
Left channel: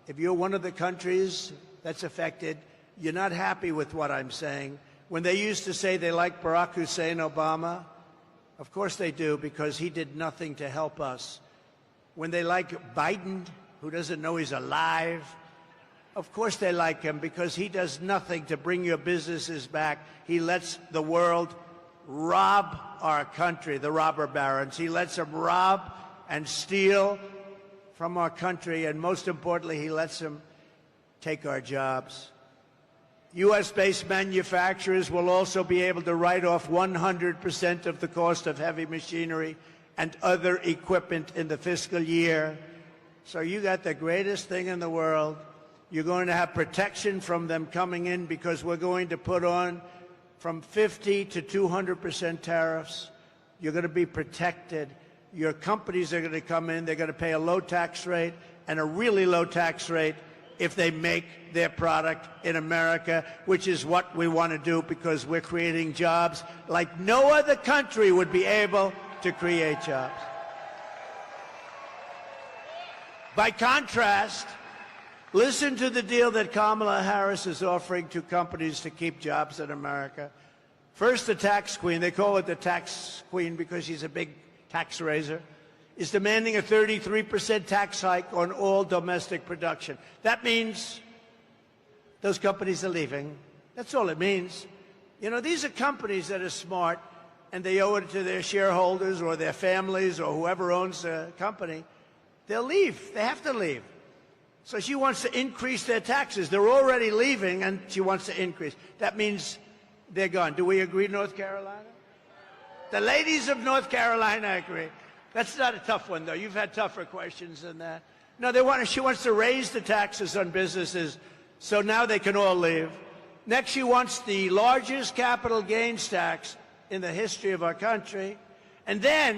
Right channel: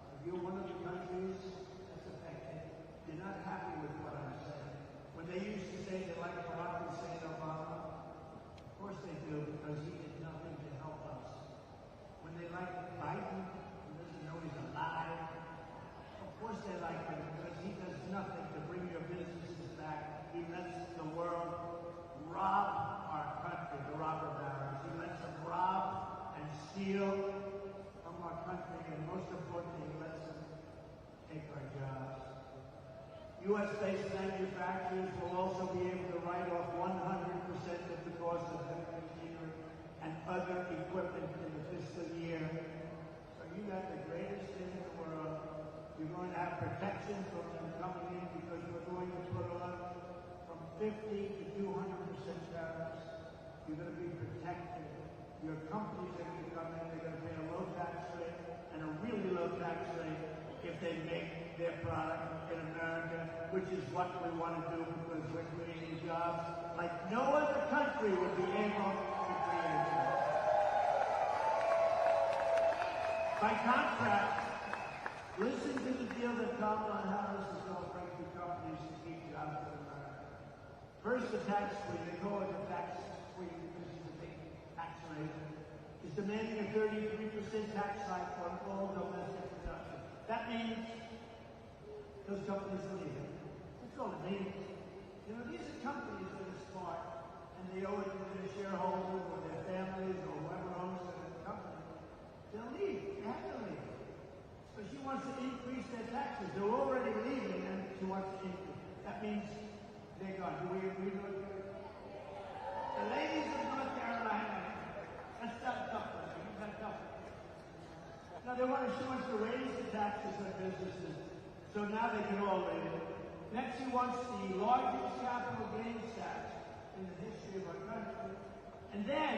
if you're one of the countries that's affected, you're not happy with what I'm saying. When they used to say they like Barack Hussein Obama, of course they do, because he did nothing to help us. When they like Biden, who doesn't know he's alive, of course they like him, because he does nothing to bring your businesses back. He lets the world rob our country, the robber barons. He lets them rob and steal from our country, and most importantly, he lets them take our jobs. U.S.-based manufacturers will also be able to write off 100% of the cost of heavy machinery and other equipment in the fiscal year. So you got the greatest thing in the world. You're going to have protection from them coming in, because we're going to put on from 50 to 200% tariffs. You're going to be protected. Your companies are going to come in. They're going to pay a low tax rate and a really low tax rate if they make their product in America, which is what we want to do, because we're creating jobs like no other country would be able to create jobs. By contrast, listen to the deal that Kamala Harris is offering to companies to keep jobs in America. First, the tax queen, they call it the tax queen because she's a big tax raiser, is demanding a 33% tax hike on all domestic production. That means those companies are leaving. That's all it means. You know, these are companies that are smart, and they owe it to their shareholders or their families or whoever owns the company. They'll leave. They have to leave. So she wants to increase their taxes. They're already leaving, and she wants to increase. That means they're gone. Do we agree, North Carolina? The ladies of North Carolina agree. That's not a tough one, though. You've had tougher questions than that. No, she wants to raise the taxes on businesses, so now they can all leave. Next, she wants the largest capital gains tax in the history of our country. And then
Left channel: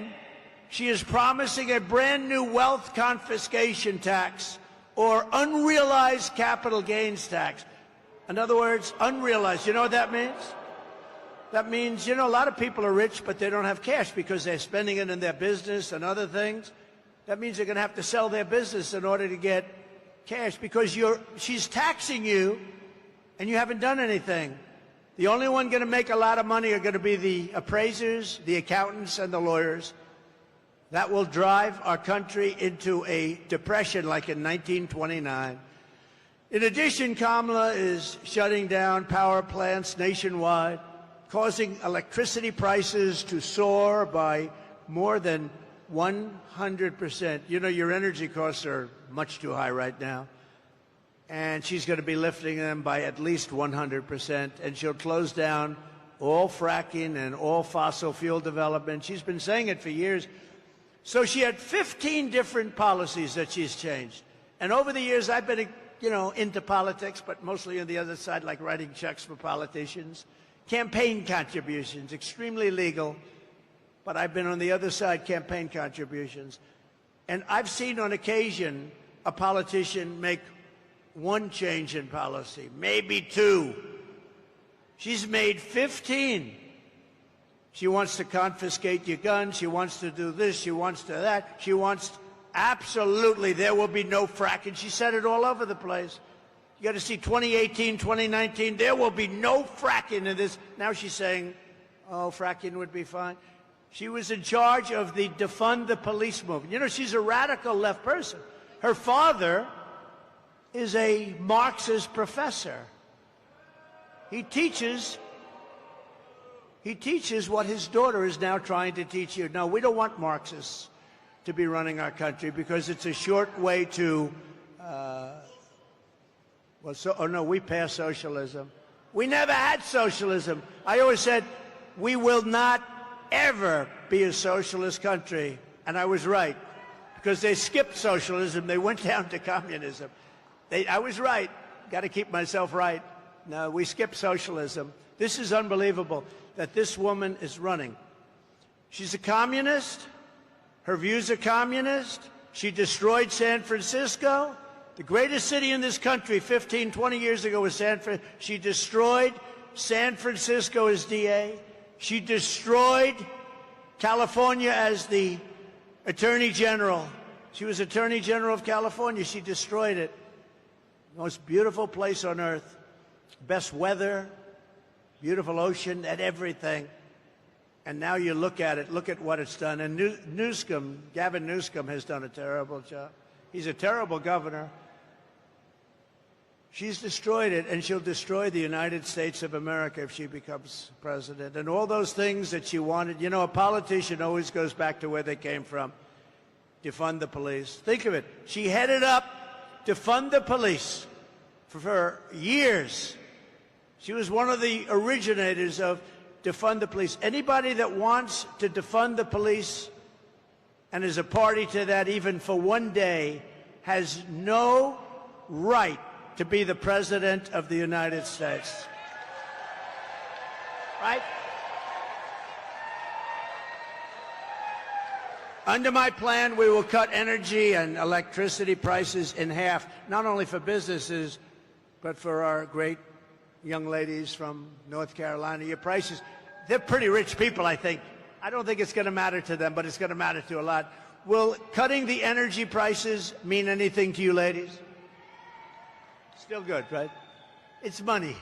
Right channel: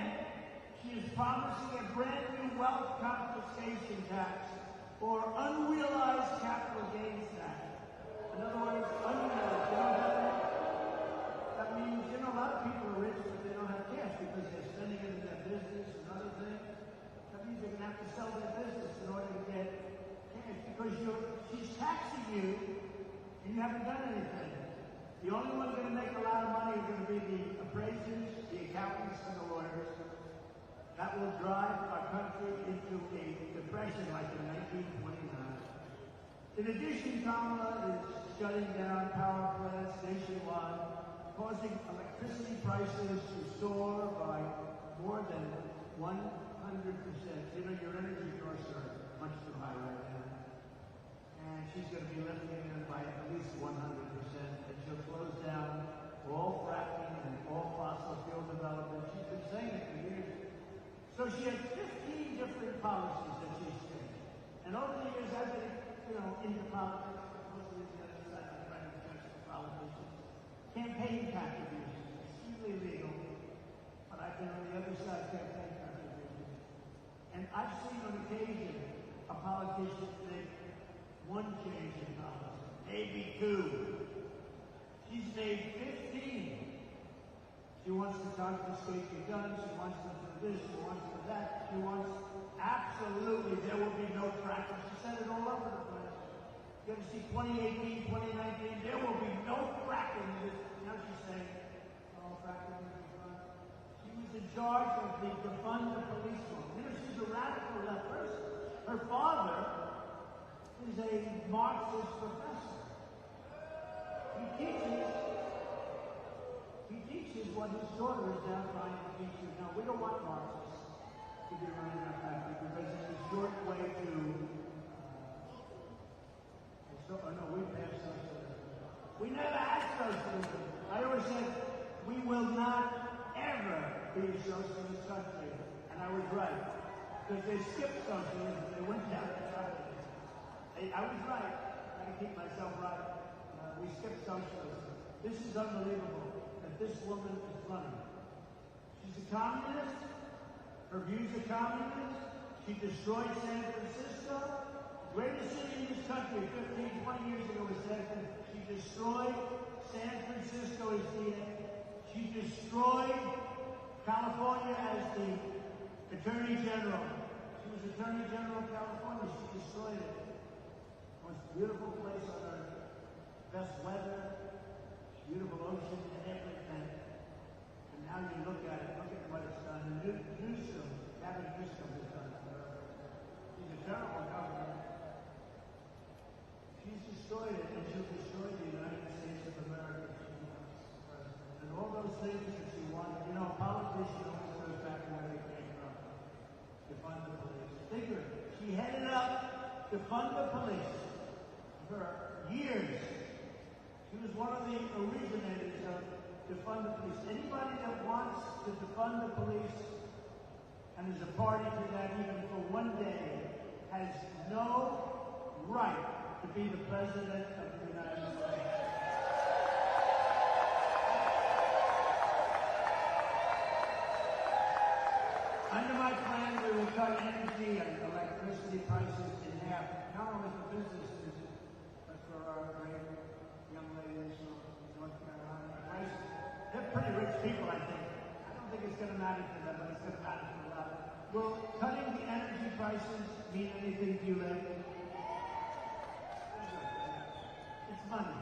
she is promising a brand new wealth confiscation tax, or unrealized capital gains tax. In other words, unrealized. You know what that means? That means, you know, a lot of people are rich, but they don't have cash because they're spending it in their business and other things. That means they're going to have to sell their business in order to get cash, because she's taxing you and you haven't done anything. The only one going to make a lot of money are going to be the appraisers, the accountants, and the lawyers. That will drive our country into a depression like in 1929. In addition, Kamala is shutting down power plants nationwide, causing electricity prices to soar by more than 100%. You know, your energy costs are much too high right now. and she's going to be lifting them by at least 100%, and she'll close down all fracking and all fossil fuel development. She's been saying it for years. So she had 15 different policies that she's changed. And over the years, I've been, into politics, but mostly on the other side, like writing checks for politicians. Campaign contributions, extremely legal, but I've been on the other side, campaign contributions. And I've seen on occasion a politician make one change in policy, maybe two. She's made 15. She wants to confiscate your guns. She wants to do this. She wants to that. She wants absolutely there will be no fracking. She said it all over the place. You got to see 2018, 2019. There will be no fracking in this. Now she's saying, oh, fracking would be fine. She was in charge of the defund the police movement. She's a radical left person. Her father is a Marxist professor. He teaches what his daughter is now trying to teach you. No, we don't want Marxists to be running our country because it's a short way to, we passed socialism. We never had socialism. I always said, we will not ever be a socialist country. And I was right, because they skipped socialism. They went down to communism. I was right. Got to keep myself right. No, we skipped socialism. This is unbelievable that this woman is running. She's a communist. Her views are communist. She destroyed San Francisco. The greatest city in this country 15, 20 years ago was San Francisco. She destroyed San Francisco as DA. She destroyed California as the Attorney General. She was Attorney General of California. She destroyed it. Most beautiful place on earth. Best weather, beautiful ocean, and everything. And now you look at it, look at what it's done. And Newsom, Gavin Newsom, has done a terrible job. He's a terrible governor. She's destroyed it, and she'll destroy the United States of America if she becomes president. And all those things that she wanted, a politician always goes back to where they came from. Defund the police. Think of it. She headed up defund the police for years. She was one of the originators of defund the police. Anybody that wants to defund the police and is a party to that even for one day has no right to be the President of the United States. Right? Under my plan, we will cut energy and electricity prices in half, not only for businesses, but for our great young ladies from North Carolina. Your prices, they're pretty rich people, I think. I don't think it's going to matter to them, but it's going to matter to a lot. Will cutting the energy prices mean anything to you ladies? Still good, right? It's money.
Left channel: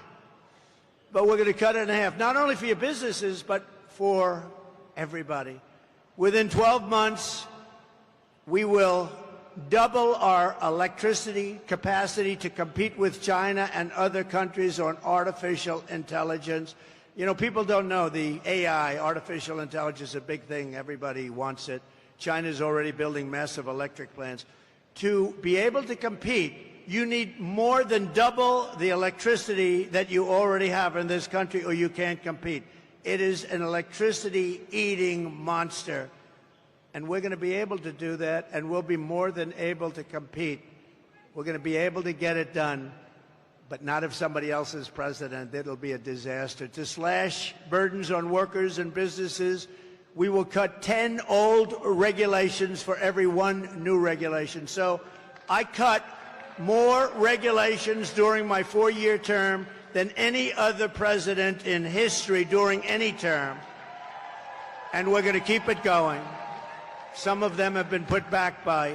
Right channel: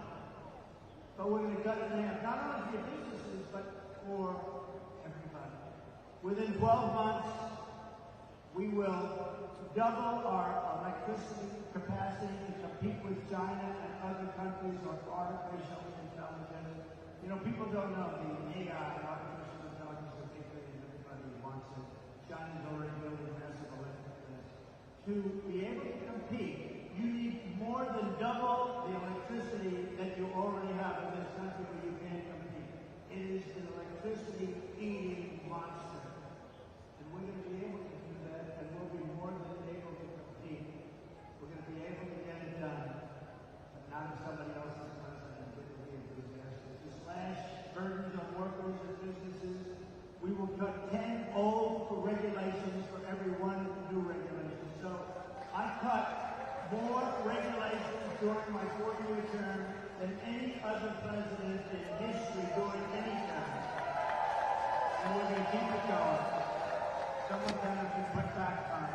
But we're going to cut it in half, not only for your businesses, but for everybody. Within 12 months, we will double our electricity capacity to compete with China and other countries on artificial intelligence. People don't know the AI, artificial intelligence, is a big thing. Everybody wants it. China's already building massive electric plants. To be able to compete, you need more than double the electricity that you already have in this country, or you can't compete. It is an electricity-eating monster. And we're going to be able to do that, and we'll be more than able to compete. We're going to be able to get it done, but not if somebody else is president. It'll be a disaster. To slash burdens on workers and businesses, we will cut 10 old regulations for every one new regulation. So I cut more regulations during my 4-year term than any other president in history during any term. And we're going to keep it going. Some of them have been put back by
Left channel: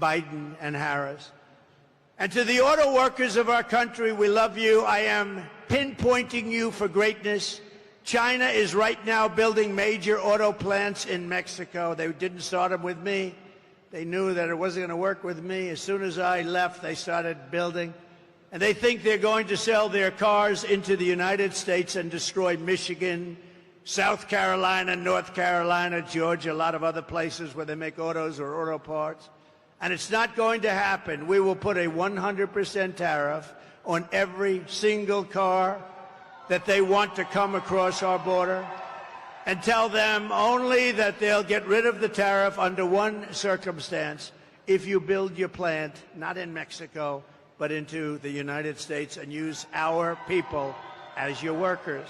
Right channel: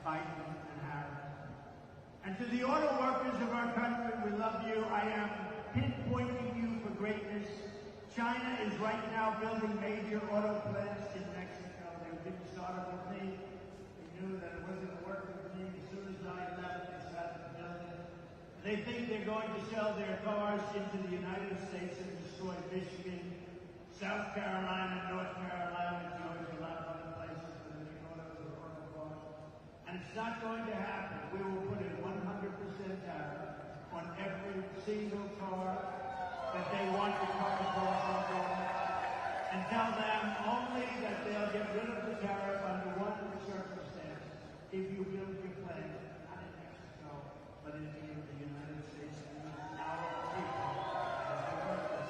Biden and Harris. And to the auto workers of our country, we love you. I am pinpointing you for greatness. China is right now building major auto plants in Mexico. They didn't start them with me. They knew that it wasn't going to work with me. As soon as I left, they started building. And they think they're going to sell their cars into the United States and destroy Michigan, South Carolina, North Carolina, Georgia, a lot of other places where they make autos or auto parts. And it's not going to happen. We will put a 100% tariff on every single car that they want to come across our border, and tell them only that they'll get rid of the tariff under one circumstance: if you build your plant, not in Mexico, but into the United States, and use our people as your workers.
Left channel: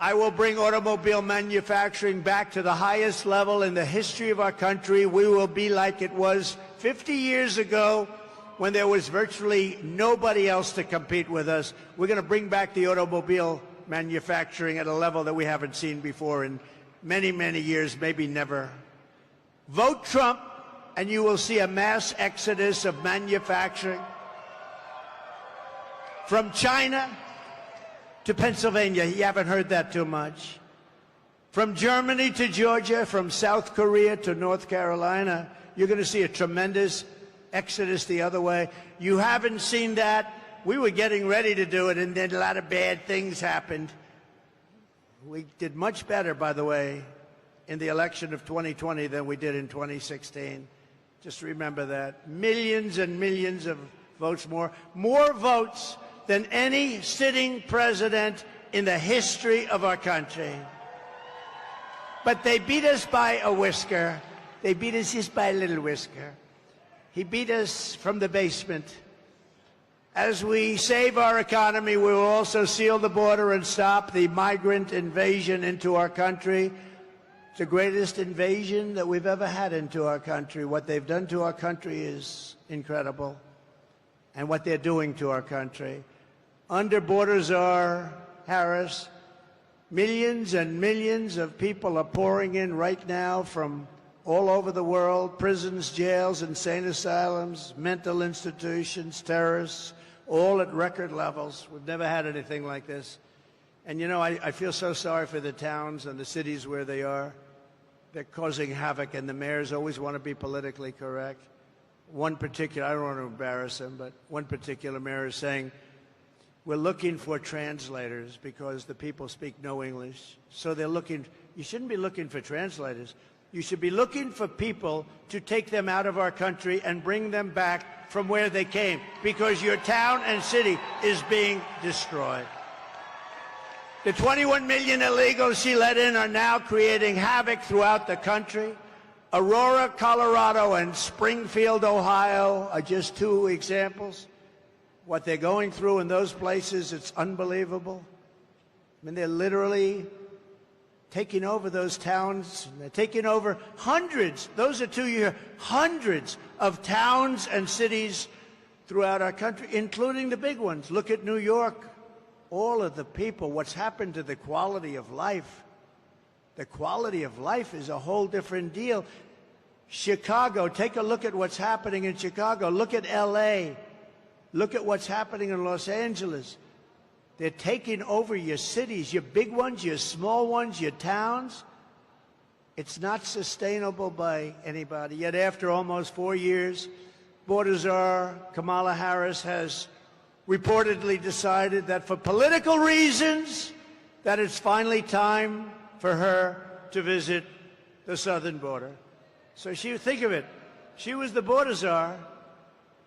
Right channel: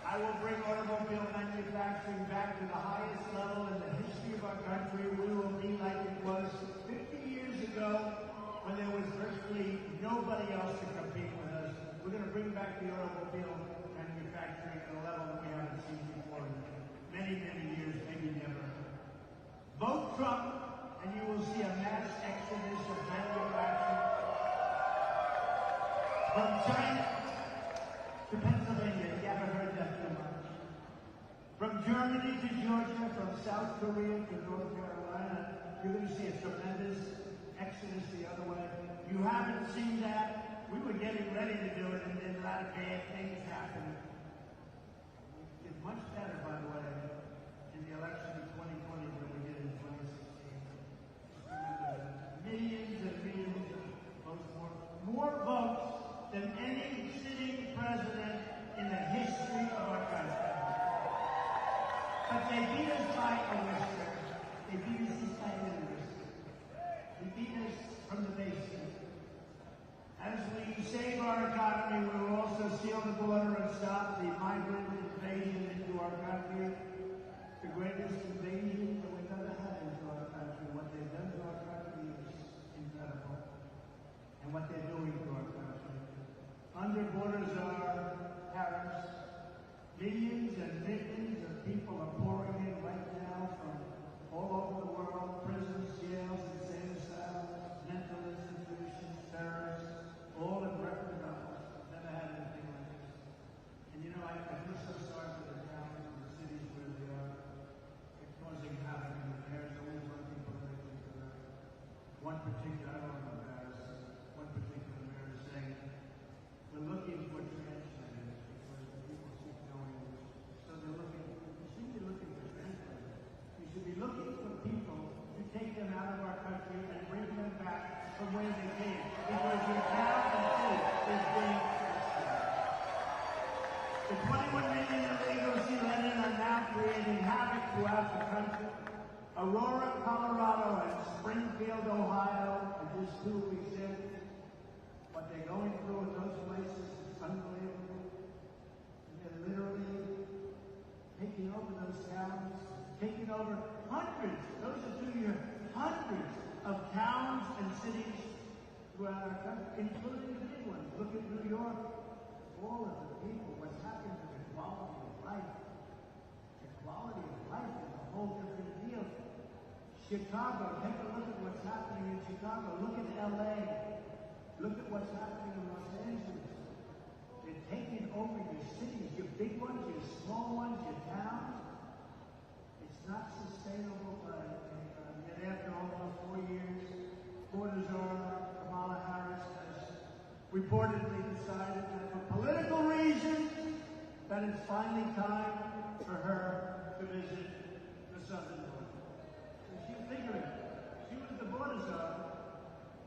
I will bring automobile manufacturing back to the highest level in the history of our country. We will be like it was 50 years ago, when there was virtually nobody else to compete with us. We're going to bring back the automobile manufacturing at a level that we haven't seen before in many, many years, maybe never. Vote Trump, and you will see a mass exodus of manufacturing from China to Pennsylvania. You haven't heard that too much. From Germany to Georgia, from South Korea to North Carolina, you're going to see a tremendous exodus the other way. You haven't seen that. We were getting ready to do it, and then a lot of bad things happened. We did much better, by the way, in the election of 2020 than we did in 2016. Just remember that. Millions and millions of votes more. More votes than any sitting president in the history of our country. But they beat us by a whisker. They beat us just by a little whisker. He beat us from the basement. As we save our economy, we will also seal the border and stop the migrant invasion into our country. It's the greatest invasion that we've ever had into our country. What they've done to our country is incredible, and what they're doing to our country. Under Border Czar Harris, millions and millions of people are pouring in right now from all over the world: prisons, jails, insane asylums, mental institutions, terrorists, all at record levels. We've never had anything like this. And you know, I feel so sorry for the towns and the cities where they are. They're causing havoc, and the mayors always want to be politically correct. One particular, I don't want to embarrass him, but one particular mayor is saying, we're looking for translators because the people speak no English. So they're looking, you shouldn't be looking for translators. You should be looking for people to take them out of our country and bring them back from where they came, because your town and city is being destroyed. The 21 million illegals she let in are now creating havoc throughout the country. Aurora, Colorado, and Springfield, Ohio are just two examples. What they're going through in those places, it's unbelievable. I mean, they're literally taking over those towns. They're taking over hundreds, those are 2 years, hundreds of towns and cities throughout our country, including the big ones. Look at New York. All of the people, what's happened to the quality of life. The quality of life is a whole different deal. Chicago, take a look at what's happening in Chicago. Look at LA. Look at what's happening in Los Angeles. They're taking over your cities, your big ones, your small ones, your towns. It's not sustainable by anybody. Yet after almost 4 years, Border Czar Kamala Harris has reportedly decided that for political reasons, that it's finally time for her to visit the southern border. So think of it. She was the border czar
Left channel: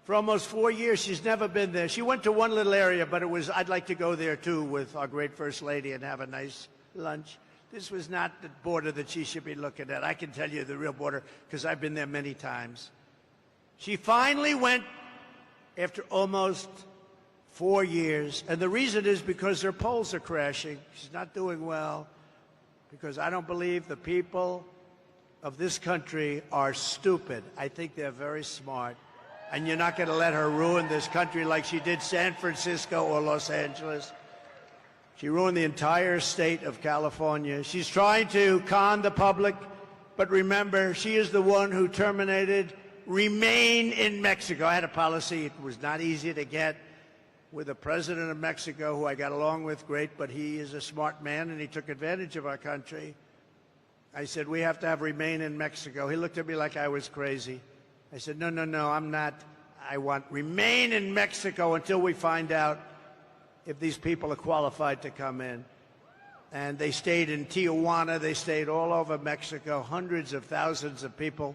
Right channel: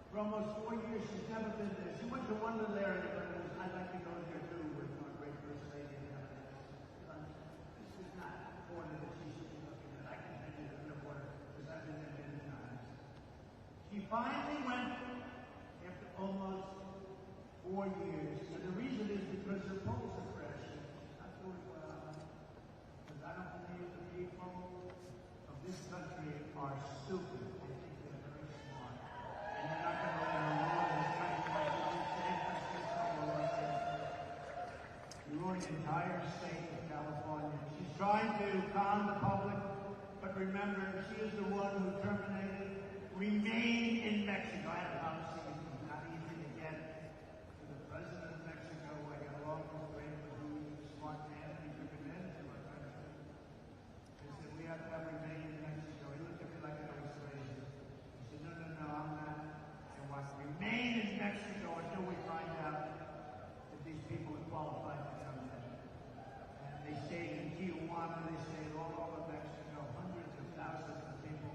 for almost 4 years. She's never been there. She went to one little area, but it was, I'd like to go there too with our great First Lady and have a nice lunch. This was not the border that she should be looking at. I can tell you the real border because I've been there many times. She finally went after almost 4 years, and the reason is because her polls are crashing. She's not doing well because I don't believe the people of this country are stupid. I think they're very smart, and you're not going to let her ruin this country like she did San Francisco or Los Angeles. She ruined the entire state of California. She's trying to con the public, but remember, she is the one who terminated Remain in Mexico. I had a policy. It was not easy to get with the president of Mexico, who I got along with great, but he is a smart man, and he took advantage of our country. I said, we have to have Remain in Mexico. He looked at me like I was crazy. I said, no, I'm not. I want Remain in Mexico until we find out if these people are qualified to come in. And they stayed in Tijuana. They stayed all over Mexico, hundreds of thousands of people.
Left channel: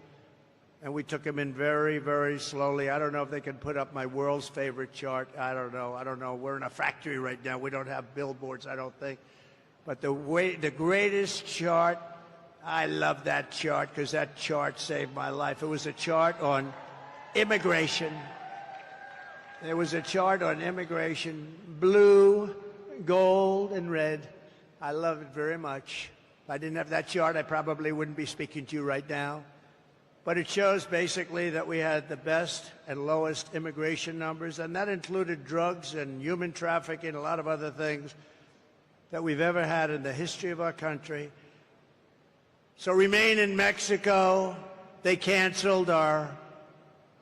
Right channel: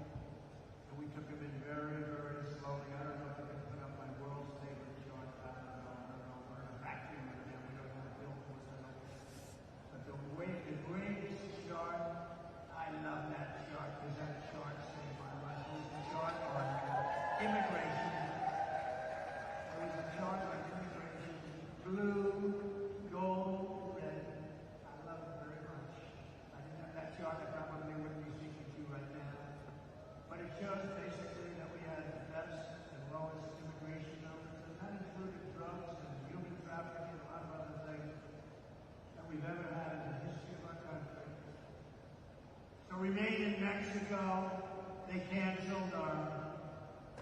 and we took them in very, very slowly. I don't know if they can put up my world's favorite chart. I don't know. We're in a factory right now. We don't have billboards, I don't think. But the greatest chart, I love that chart because that chart saved my life. It was a chart on immigration. There was a chart on immigration, blue, gold, and red. I love it very much. If I didn't have that chart, I probably wouldn't be speaking to you right now. But it shows basically that we had the best and lowest immigration numbers, and that included drugs and human trafficking, a lot of other things that we've ever had in the history of our country. So remain in Mexico. They canceled our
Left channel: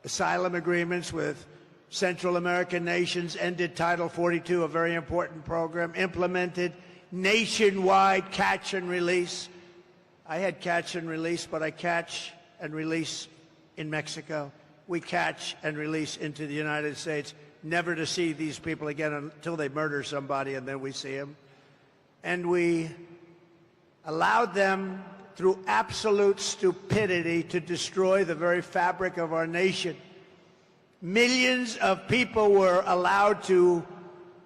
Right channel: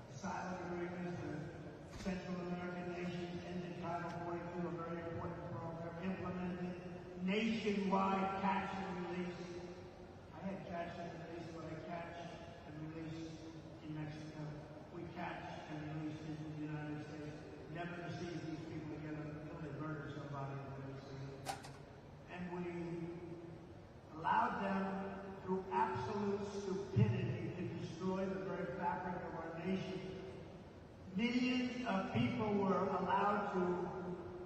asylum agreements with Central American nations, ended Title 42, a very important program, implemented nationwide catch and release. I had catch and release, but I catch and release in Mexico. We catch and release into the United States, never to see these people again until they murder somebody, and then we see them. And we allowed them, through absolute stupidity, to destroy the very fabric of our nation. Millions of people were allowed to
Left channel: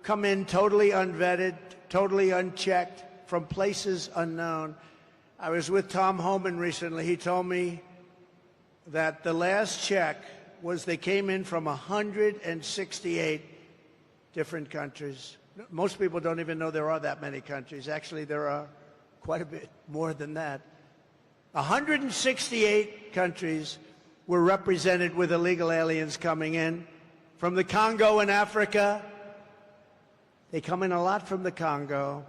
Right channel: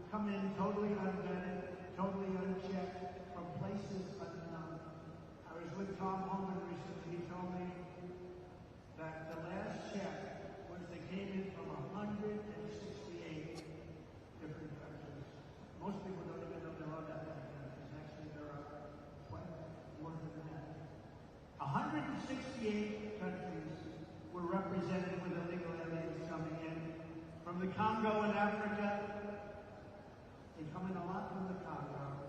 come in totally unvetted, totally unchecked, from places unknown. I was with Tom Homan recently. He told me that the last check was they came in from 168 different countries. Most people don't even know there are that many countries. Actually, there are quite a bit more than that. 168 countries were represented with illegal aliens coming in. From the Congo in Africa, they come in a lot from the Congo.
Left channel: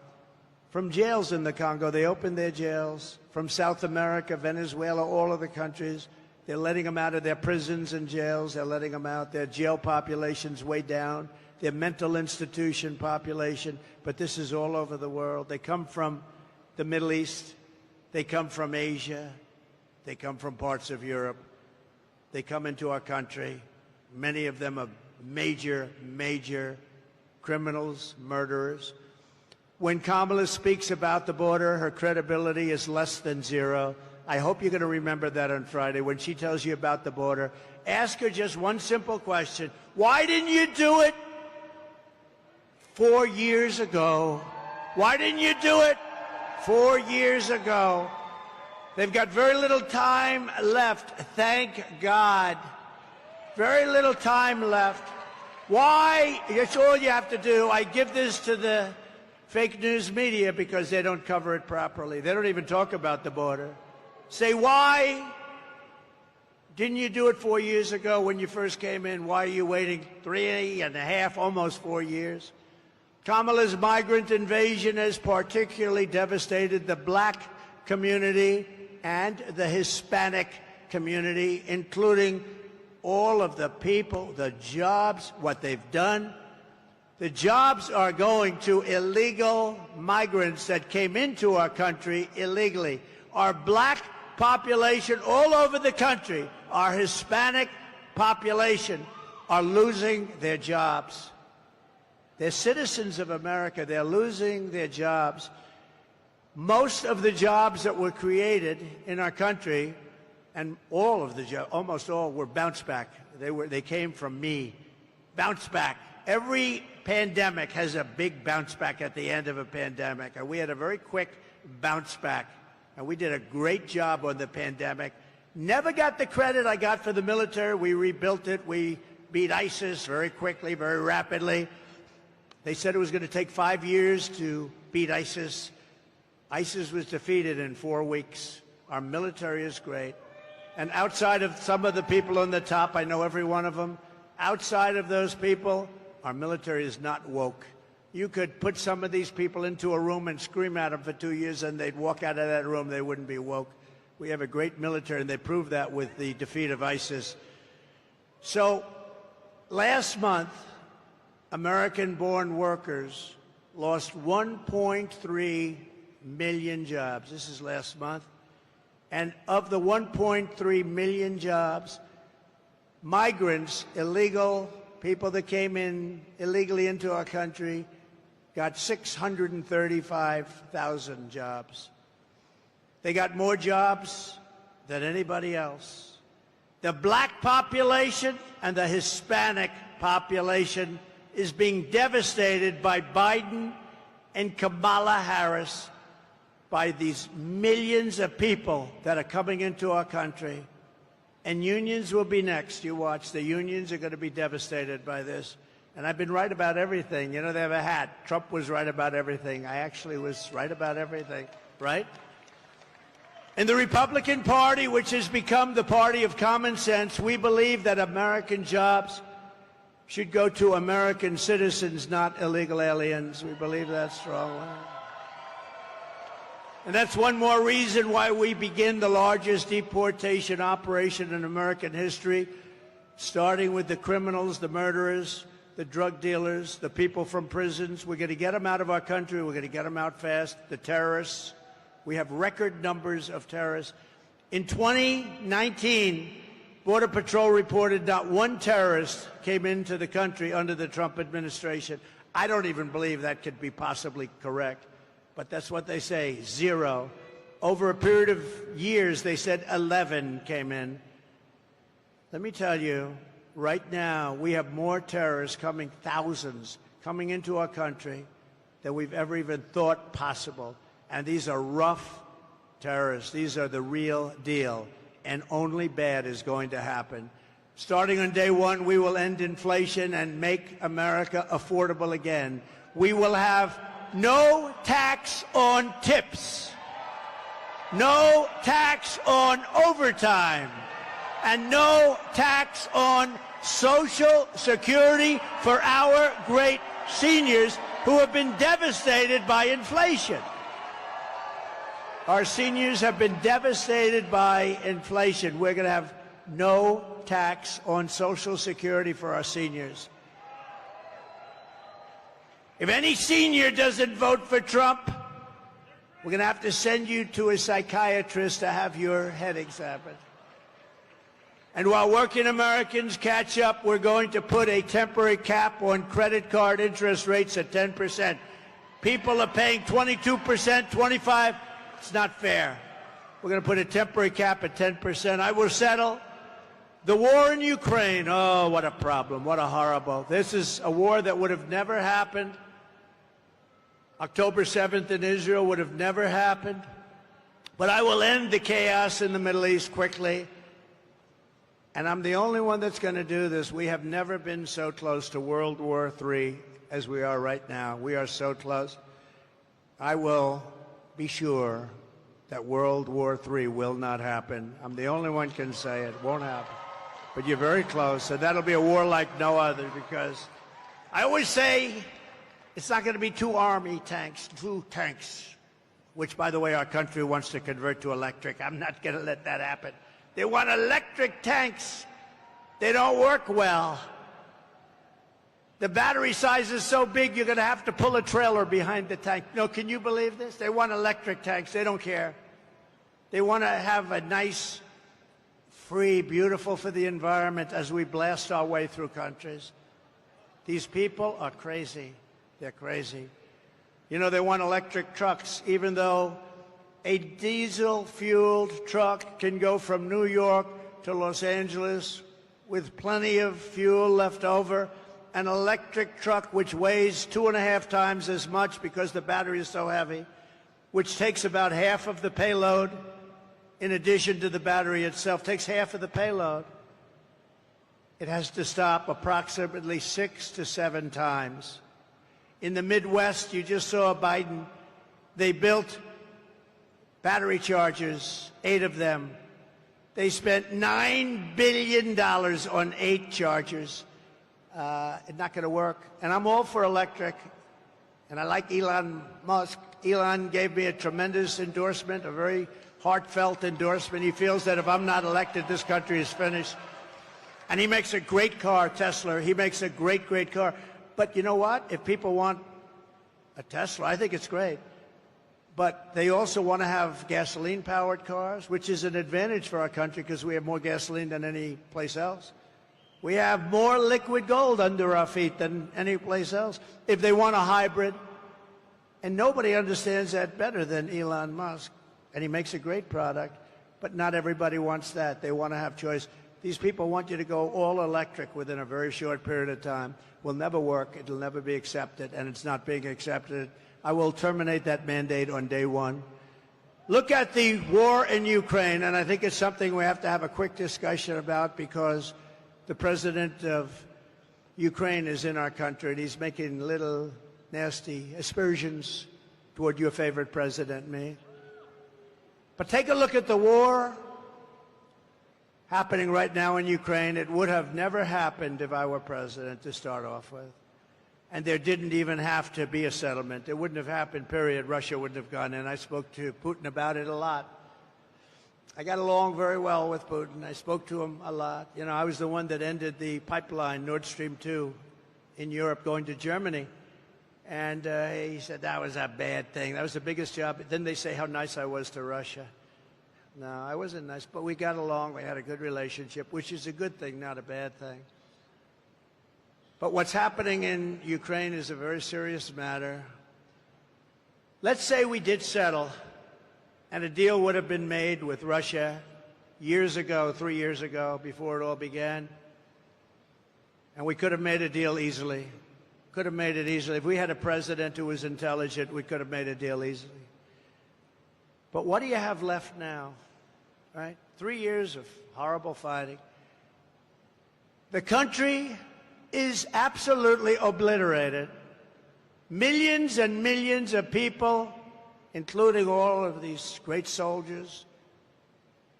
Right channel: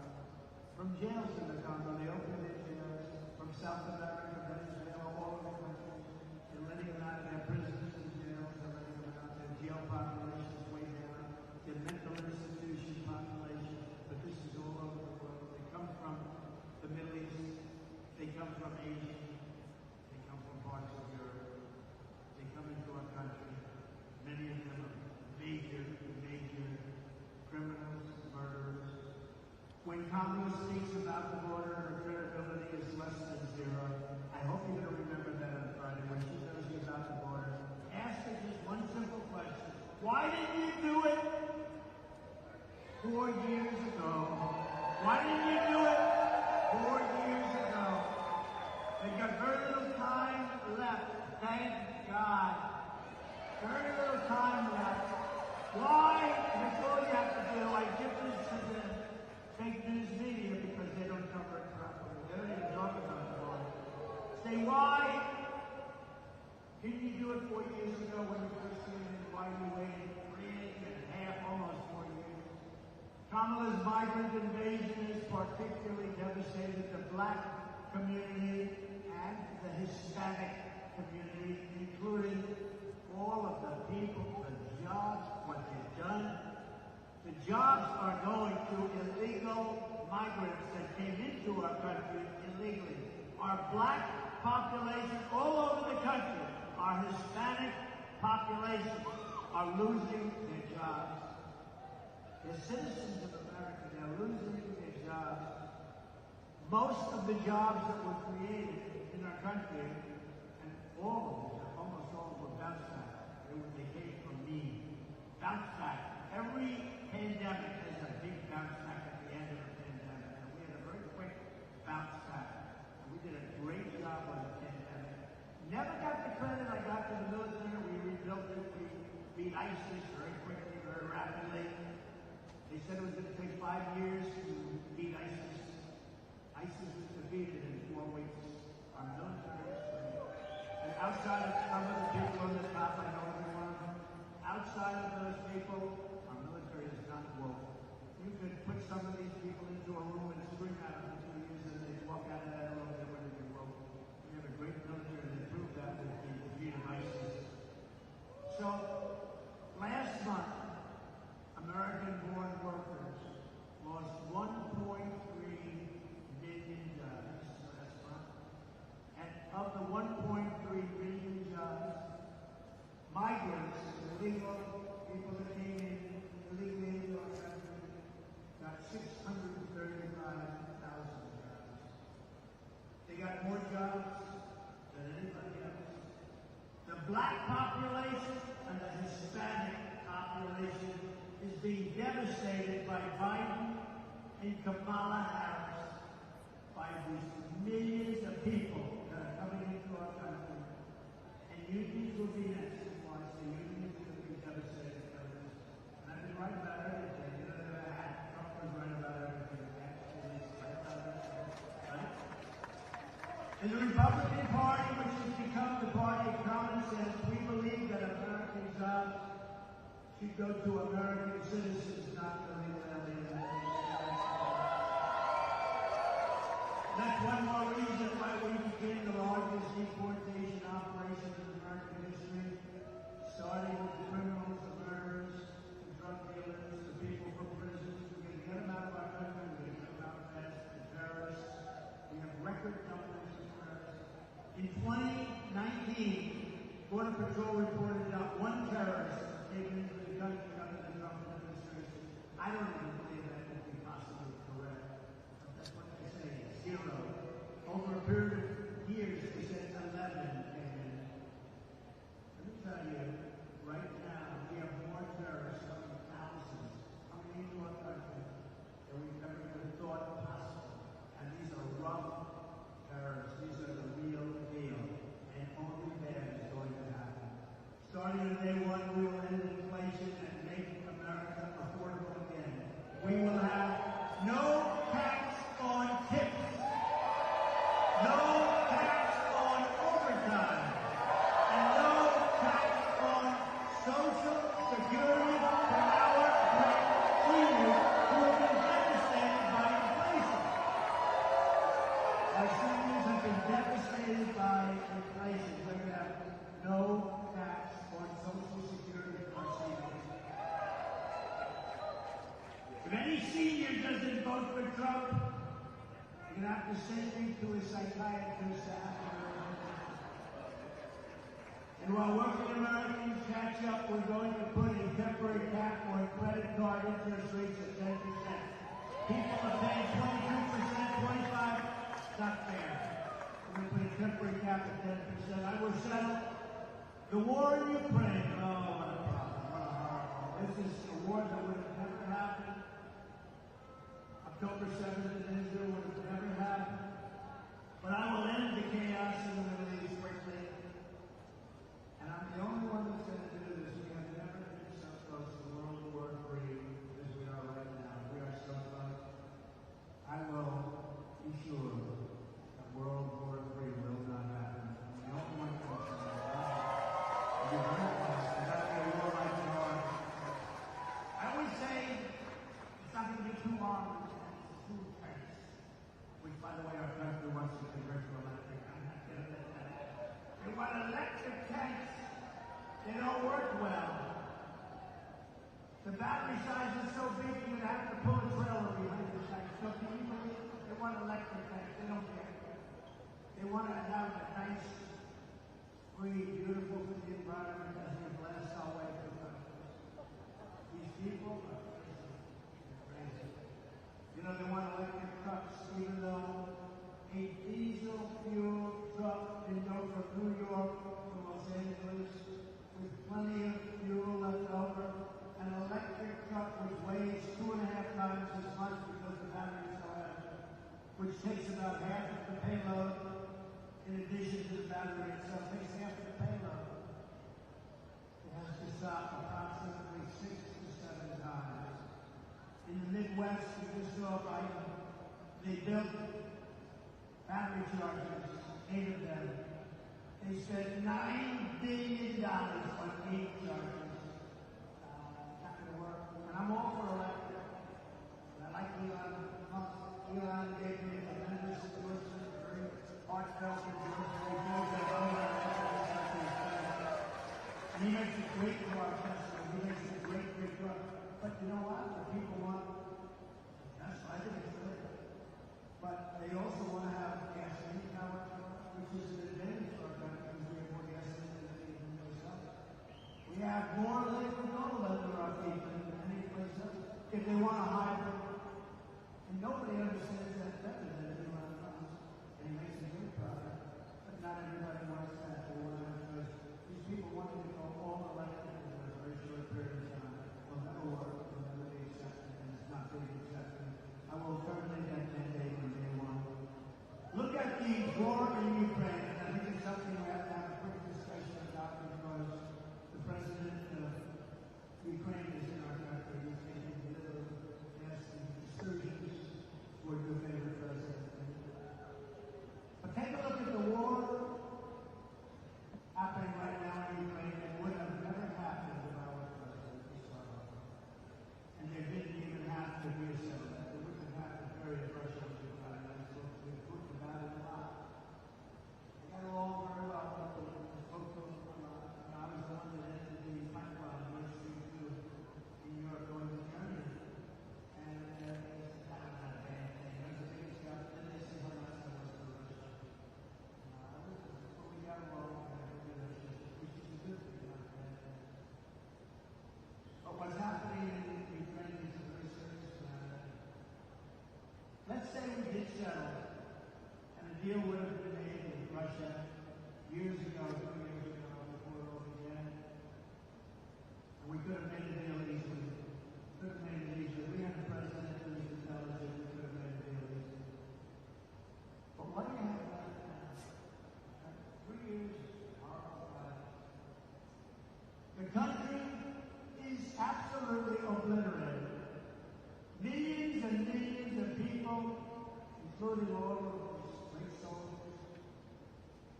From jails in the Congo, they opened their jails. From South America, Venezuela, all of the countries. They're letting them out of their prisons and jails. They're letting them out. Their jail population's way down. Their mental institution population. But this is all over the world. They come from the Middle East. They come from Asia. They come from parts of Europe. They come into our country. Many of them are major, major criminals, murderers. When Kamala speaks about the border, her credibility is less than zero. I hope you're going to remember that on Friday when she tells you about the border. Ask her just one simple question. Why didn't you do it 4 years ago? Why didn't you do it 4 years ago? They've got very little time left, thank God. Very little time left. Why? That's all you have to do. I give this to the fake news media because they don't cover it properly. They don't even talk about the border. Say, why didn't you do it 4 years ago when you first came in? Why are you waiting 3.5, almost 4 years? Kamala's migrant invasion has particularly devastated the black community and the Hispanic community, including all of the people, the jobs, what they've done. The jobs are going to illegal migrants that came into our country illegally. Our black population all over the country, our Hispanic population, are losing their jobs. They're citizens of America. They're losing their jobs. Most of the jobs that were created in our country, and all of the jobs, almost all, were bounce back. They came from me. Bounce back. Every pandemic has a big bounce back at the end of a pandemic, and we had a very quick bounce back, and we did a great job on the pandemic. Never got the credit I got for the military. We rebuilt it. We beat ISIS very quickly, very rapidly. They said it was going to take 5 years to beat ISIS. ISIS was defeated in 4 weeks. Our military is great. And outside of some of the people on the top, I know every one of them, outside of those people, our military is not woke. You could put some of these people into a room and scream at them for 2 years and they'd walk out of that room, they wouldn't be woke. We have a great military, and they proved that with the defeat of ISIS. So last month, American-born workers lost 1.3 million jobs. This is last month. And of the 1.3 million jobs, migrants, illegal people that came in illegally into our country, got 635,000 jobs. They got more jobs than anybody else. The black population and the Hispanic population is being devastated by Biden and Kamala Harris, by these millions of people that are coming into our country. And unions will be next. You watch. The unions are going to be devastated by this. And I've been right about everything. You know, they have a hat. Trump was right about everything. I actually was right about everything, right? In the Republican Party, which has become the party of common sense, we believe that American jobs should go to American citizens, not illegal aliens. We believe that strongly. And that's one more reason why we begin the largest deportation operation in American history, starting with the criminals, the murderers, the drug dealers, the people from prisons. We're going to get them out of our country. We're going to get them out fast. The terrorists. We have record numbers of terrorists. In 2019, Border Patrol reported not one terrorist came into the country under the Trump administration. I don't even believe that could be possibly correct, but that's what they say, 0. Over a period of years, they said 11 came in. Let me tell you, right now, we have more terrorists coming, thousands, coming into our country than we've ever even thought possible. And these are rough terrorists. These are the real deal. And only bad is going to happen. Starting on day one, we will end inflation and make America affordable again. We will have no tax on tips, no tax on overtime, and no tax on Social Security for our great seniors who have been devastated by inflation. Our seniors have been devastated by inflation. We're going to have no tax on Social Security for our seniors. If any senior doesn't vote for Trump, we're going to have to send you to a psychiatrist to have your head examined. And while working Americans catch up, we're going to put a temporary cap on credit card interest rates at 10%. People are paying 22%, 25%. It's not fair. We're going to put a temporary cap at 10%. I will settle. The war in Ukraine, oh, what a problem, what a horrible. This is a war that would have never happened. October 7th in Israel would have never happened. But I will end the chaos in the Middle East quickly. And I'm the only one that's going to do this. We have never been so close to World War III as we are right now. We are so close. I will be sure that World War III will not happen. I'm the only one can say it won't happen. But you're very close, so that'll be a war like no other, because I always say it's not going to be 2 army tanks, 2 tanks, which, by the way, our country wants to convert to electric. I'm not going to let that happen. They want electric tanks. They don't work well. The battery size is so big, you're going to have to pull a trailer behind the tank. No, can you believe this? They want electric tanks. They don't care. They want to have a nice, free, beautiful for the environment as we blast our way through countries. These people are crazy. They're crazy. You know, they want electric trucks, even though a diesel-fueled truck can go from New York to Los Angeles with plenty of fuel left over. An electric truck, which weighs 2.5 times as much because the battery is so heavy, which takes about half of the payload, in addition to the battery itself, takes half of the payload. It has to stop approximately 6 to 7 times. In the Midwest, you just saw Biden, they built battery chargers, 8 of them. They spent $9 billion on 8 chargers. It's not going to work. And I'm all for electric. And I like Elon Musk. Elon gave me a tremendous endorsement, a very heartfelt endorsement. He feels that if I'm not elected, this country is finished. And he makes a great car, Tesla. He makes a great, great car. But you know what? If people want a Tesla, I think it's great. But they also want to have gasoline-powered cars, which is an advantage for our country because we have more gasoline than any place else. We have more liquid gold under our feet than any place else. If they want a hybrid, and nobody understands that better than Elon Musk, and he makes a great product, but not everybody wants that. They want to have choice. These people want you to go all electric within a very short period of time. Will never work. It'll never be accepted, and it's not being accepted. I will terminate that mandate on day one. Look at the war in Ukraine, and I think it's something we have to have a quick discussion about because the president of Ukraine is in our country, and he's making little nasty aspersions toward your favorite president, me. But take a look at the war happening right now in Ukraine. It would have never happened if I were president to start off with. And there didn't even have to be a settlement. It wouldn't have happened, period. Russia wouldn't have gone in. I spoke to Putin about it a lot. I got along very well with Putin. I spoke to him a lot. You know, I was the one that ended the pipeline, Nord Stream 2, in Europe going to Germany. And he said that was a bad thing. That was the biggest job. Then they say how nice I was to Russia. No, I wasn't nice, but we got along. We had a good relationship, which is a good thing, not a bad thing. But what's happening in Ukraine is a very serious matter. Let's say we did settle, and a deal would have been made with Russia years ago, 3 years ago, before it all began. And we could have made a deal easily. Could have made it easily. If we had a president who was intelligent, we could have made a deal easily. But what do you have left now, right? 3 years of horrible fighting. The country is absolutely obliterated. Millions and millions of people, including all of these great soldiers,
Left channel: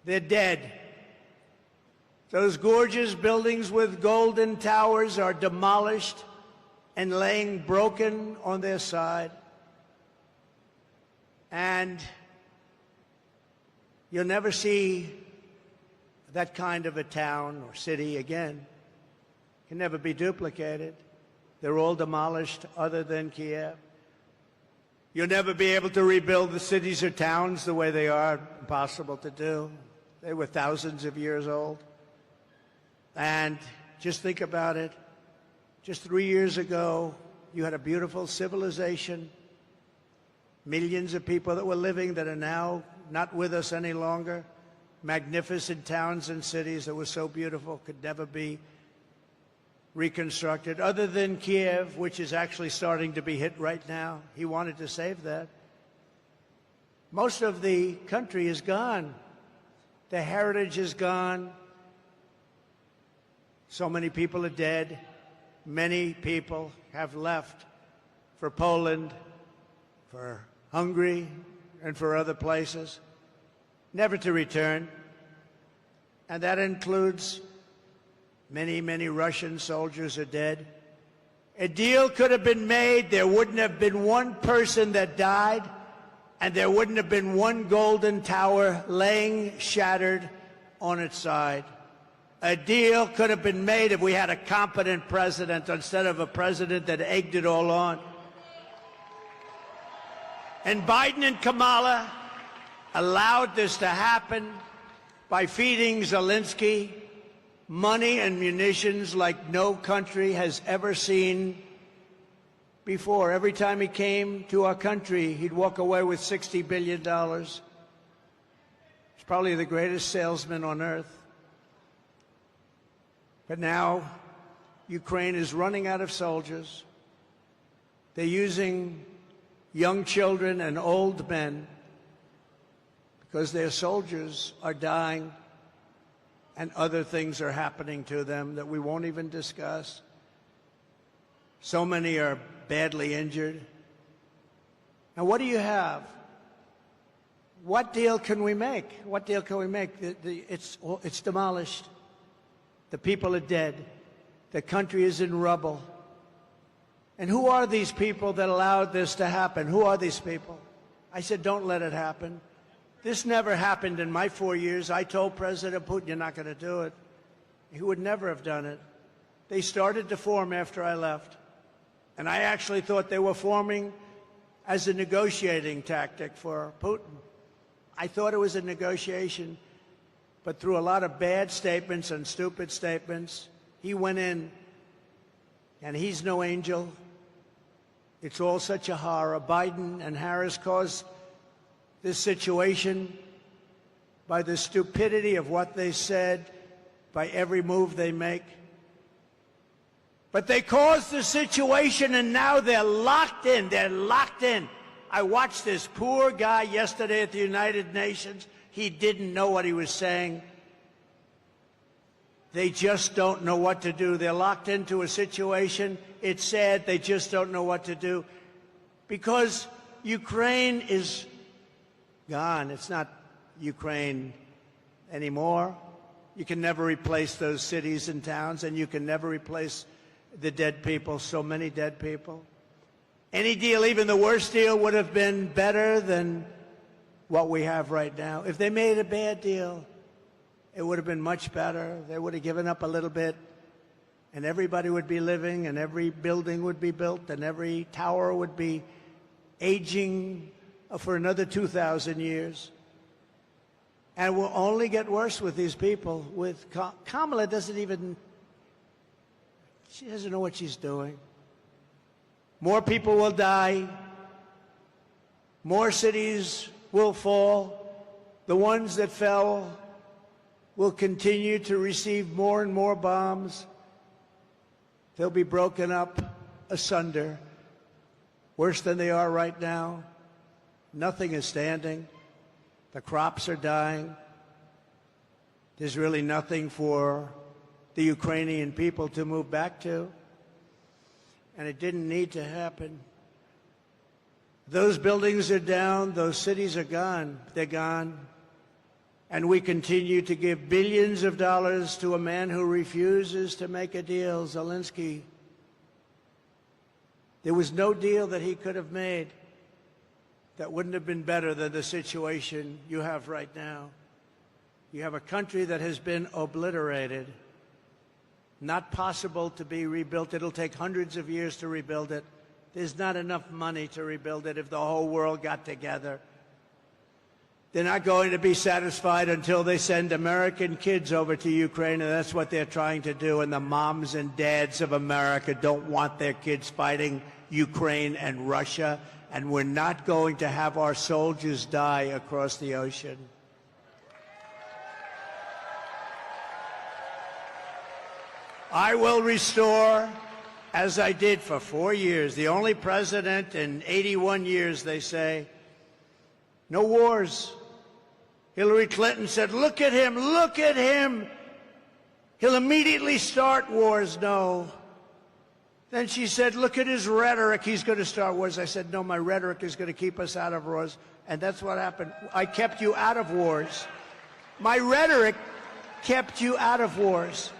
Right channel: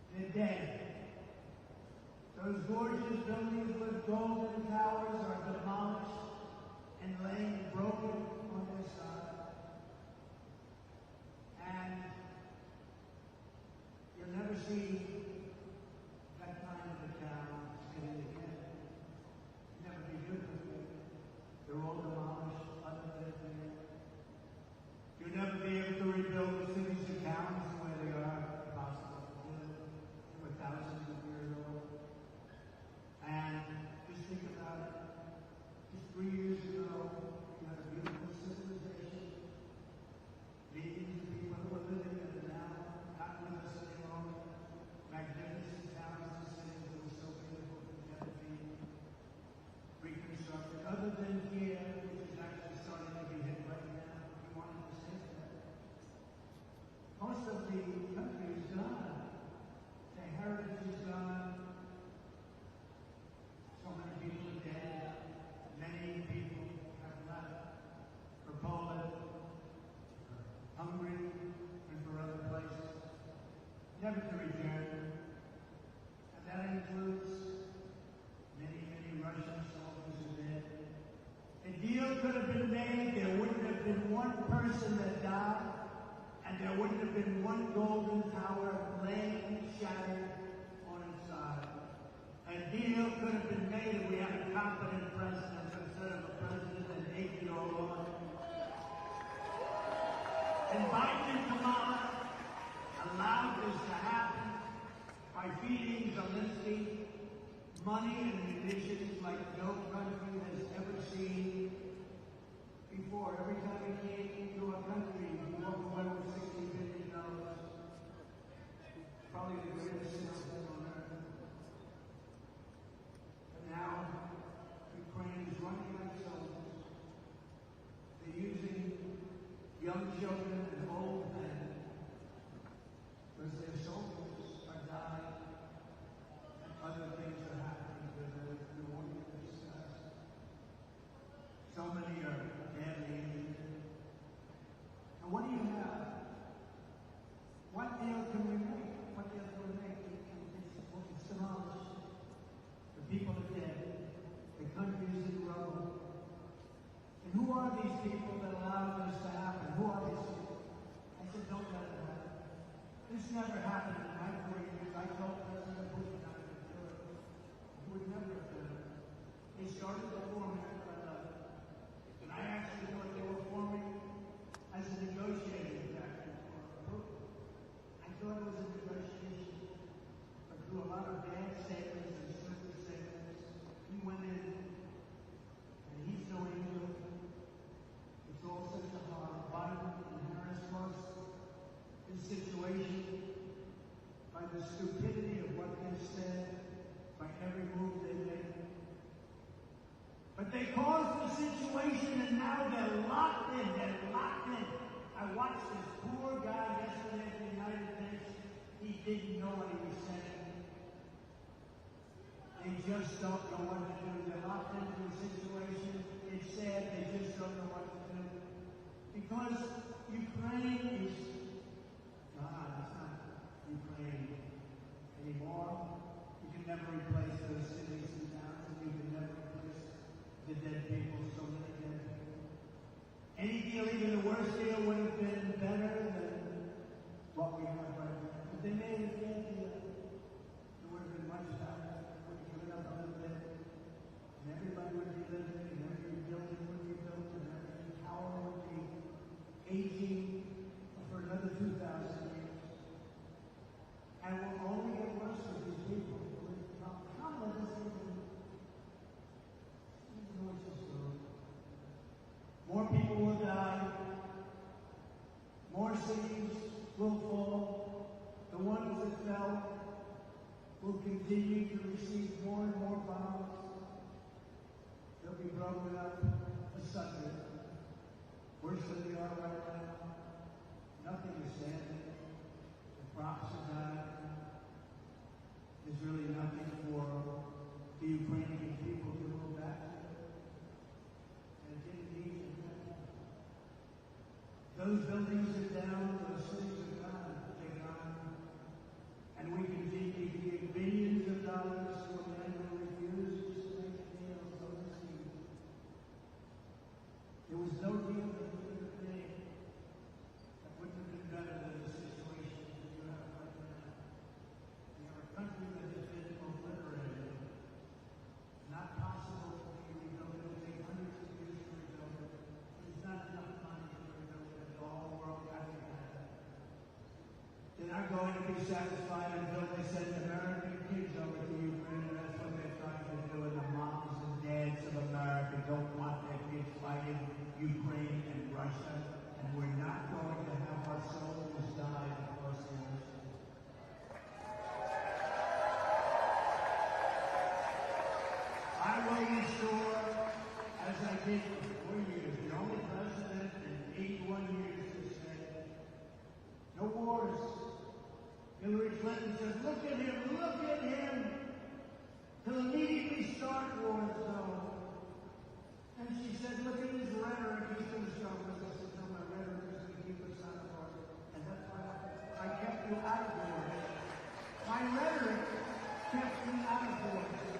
they're dead. Those gorgeous buildings with golden towers are demolished and laying broken on their side. And you'll never see that kind of a town or city again. Can never be duplicated. They're all demolished other than Kiev. You'll never be able to rebuild the cities or towns the way they are. Impossible to do. They were thousands of years old. And just think about it. Just 3 years ago, you had a beautiful civilization. Millions of people that were living that are now not with us any longer. Magnificent towns and cities that were so beautiful could never be reconstructed, other than Kiev, which is actually starting to be hit right now. He wanted to save that. Most of the country is gone. The heritage is gone. So many people are dead. Many people have left for Poland, for Hungary, and for other places, never to return. And that includes many, many Russian soldiers are dead. A deal could have been made. There wouldn't have been one person that died, and there wouldn't have been one golden tower laying shattered on its side. A deal could have been made if we had a competent president instead of a president that egged it all on. And Biden and Kamala allowed this to happen by feeding Zelensky money and munitions like no country has ever seen before. Every time he came to our country, he'd walk away with $60 billion. He's probably the greatest salesman on earth. But now, Ukraine is running out of soldiers. They're using young children and old men because their soldiers are dying and other things are happening to them that we won't even discuss. So many are badly injured. And what do you have? What deal can we make? What deal can we make? It's demolished. The people are dead. The country is in rubble. And who are these people that allowed this to happen? Who are these people? I said, don't let it happen. This never happened in my 4 years. I told President Putin, you're not going to do it. He would never have done it. They started to form after I left. And I actually thought they were forming as a negotiating tactic for Putin. I thought it was a negotiation. But through a lot of bad statements and stupid statements, he went in, and he's no angel. It's all such a horror. Biden and Harris caused this situation by the stupidity of what they said by every move they make. But they caused the situation, and now they're locked in. They're locked in. I watched this poor guy yesterday at the United Nations. He didn't know what he was saying. They just don't know what to do. They're locked into a situation. It's sad. They just don't know what to do because Ukraine is gone. It's not Ukraine anymore. You can never replace those cities and towns, and you can never replace the dead people, so many dead people. Any deal, even the worst deal, would have been better than what we have right now. If they made a bad deal, it would have been much better. They would have given up a little bit, and everybody would be living, and every building would be built, and every tower would be aging for another 2,000 years. And it will only get worse with these people. With Kamala she doesn't know what she's doing. More people will die. More cities will fall. The ones that fell will continue to receive more and more bombs. They'll be broken up asunder, worse than they are right now. Nothing is standing. The crops are dying. There's really nothing for the Ukrainian people to move back to. And it didn't need to happen. Those buildings are down. Those cities are gone. They're gone. And we continue to give billions of dollars to a man who refuses to make a deal, Zelensky. There was no deal that he could have made that wouldn't have been better than the situation you have right now. You have a country that has been obliterated, not possible to be rebuilt. It'll take hundreds of years to rebuild it. There's not enough money to rebuild it if the whole world got together. They're not going to be satisfied until they send American kids over to Ukraine, and that's what they're trying to do. And the moms and dads of America don't want their kids fighting Ukraine and Russia. And we're not going to have our soldiers die across the ocean. I will restore, as I did for 4 years, the only president in 81 years, they say, no wars. Hillary Clinton said, look at him, look at him. He'll immediately start wars. No. Then she said, look at his rhetoric. He's going to start wars. I said, no, my rhetoric is going to keep us out of wars. And that's what happened. I kept you out of wars. My rhetoric kept you out of wars.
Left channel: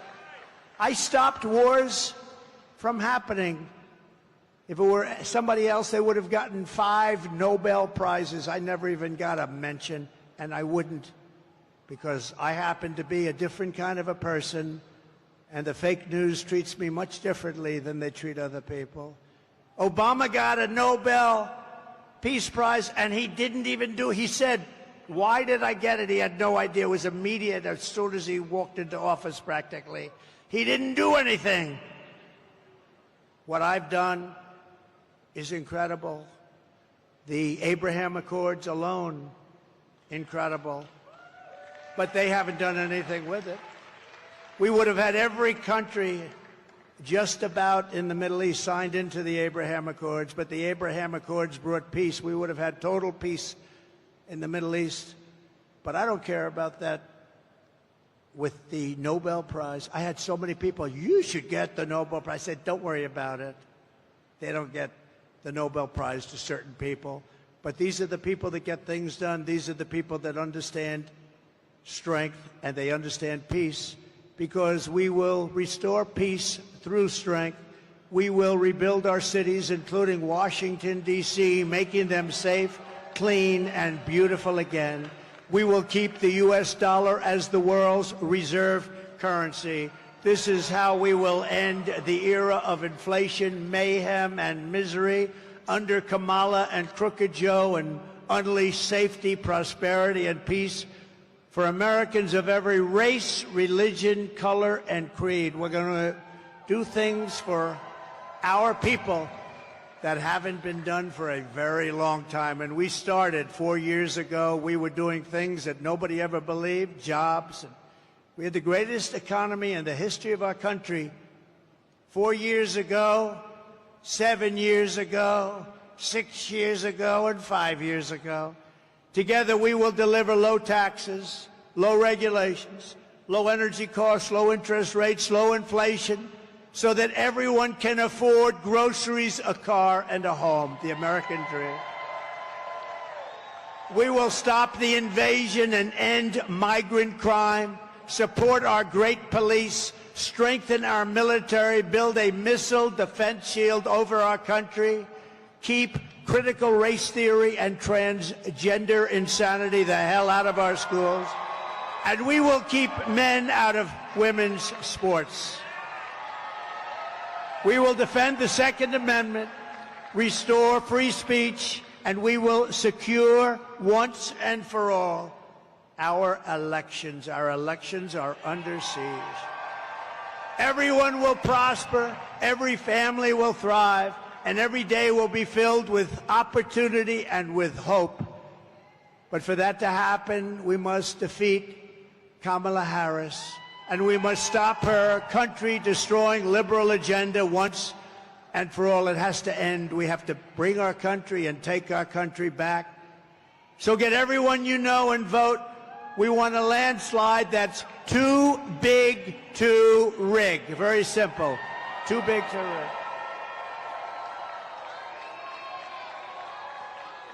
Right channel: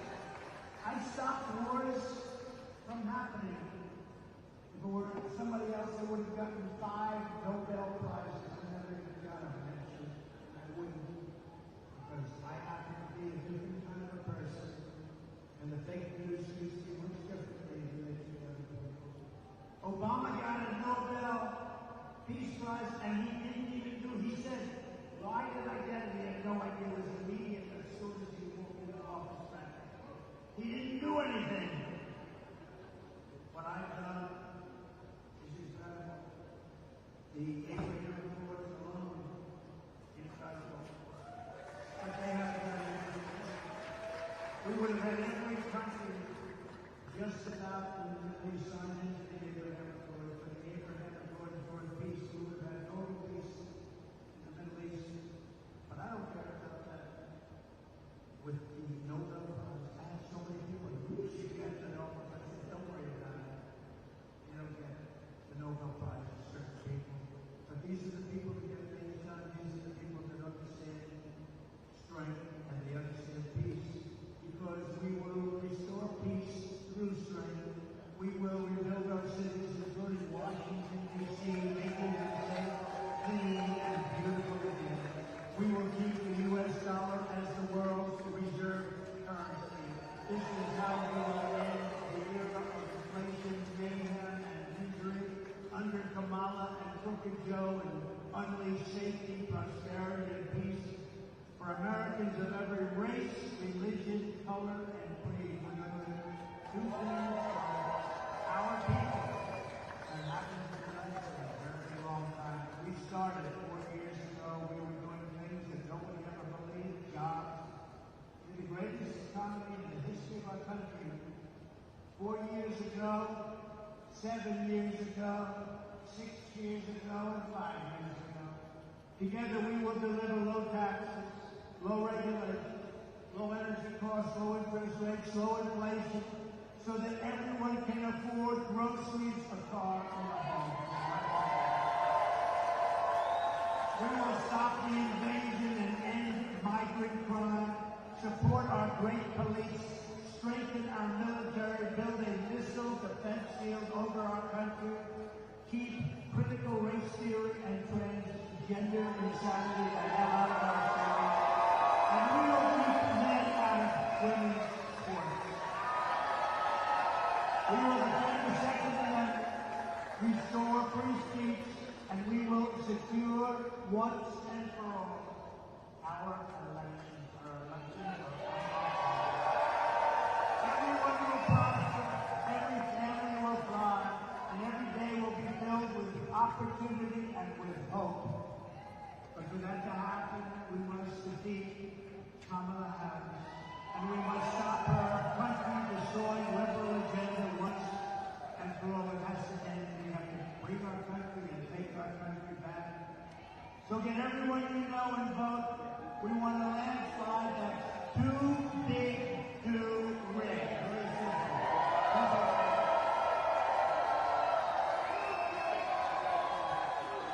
I stopped wars from happening. If it were somebody else, they would have gotten 5 Nobel Prizes. I never even got a mention, and I wouldn't, because I happen to be a different kind of a person, and the fake news treats me much differently than they treat other people. Obama got a Nobel Peace Prize, and he didn't even do it. He said, why did I get it? He had no idea. It was immediate as soon as he walked into office, practically. He didn't do anything. What I've done is incredible. The Abraham Accords alone, incredible. But they haven't done anything with it. We would have had every country just about in the Middle East signed into the Abraham Accords, but the Abraham Accords brought peace. We would have had total peace in the Middle East. But I don't care about that with the Nobel Prize. I had so many people, you should get the Nobel Prize. I said, don't worry about it. They don't get the Nobel Prize to certain people. But these are the people that get things done. These are the people that understand strength and they understand peace, because we will restore peace through strength. We will rebuild our cities, including Washington, D.C., making them safe, clean, and beautiful again. We will keep the U.S. dollar as the world's reserve currency. This is how we will end the era of inflation, mayhem, and misery under Kamala and Crooked Joe, and unleash safety, prosperity, and peace for Americans of every race, religion, color, and creed. We're going to do things for our people that haven't been done for a very long time. And we started 4 years ago. We were doing things that nobody ever believed, jobs, and We had the greatest economy in the history of our country 4 years ago, 7 years ago, 6 years ago, and 5 years ago. Together, we will deliver low taxes, low regulations, low energy costs, low interest rates, low inflation, so that everyone can afford groceries, a car, and a home, the American dream. We will stop the invasion and end migrant crime, support our great police, strengthen our military, build a missile defense shield over our country, keep critical race theory and transgender insanity the hell out of our schools, and we will keep men out of women's sports. We will defend the Second Amendment, restore free speech, and we will secure once and for all our elections. Our elections are under siege. Everyone will prosper, every family will thrive, and every day will be filled with opportunity and with hope. But for that to happen, we must defeat Kamala Harris, and we must stop her country-destroying liberal agenda once and for all. It has to end. We have to bring our country and take our country back. So get everyone you know and vote. We want a landslide that's too big to rig. Very simple. Too big to rig.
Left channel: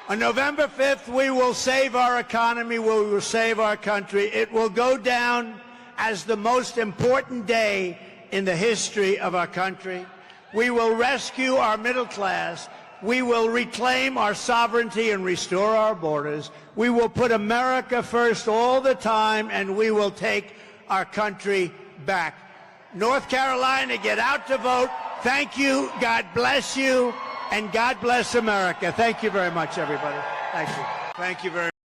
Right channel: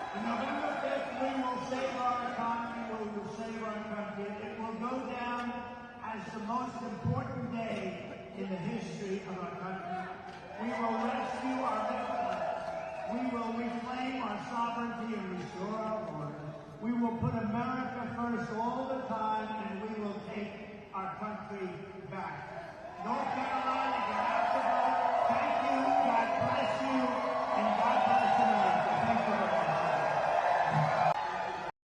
On November 5th, we will save our economy. We will save our country. It will go down as the most important day in the history of our country. We will rescue our middle class. We will reclaim our sovereignty and restore our borders. We will put America first all the time, and we will take our country back. North Carolina, get out to vote. Thank you. God bless you. And God bless America. Thank you very much, everybody. Thank you. Thank you very much.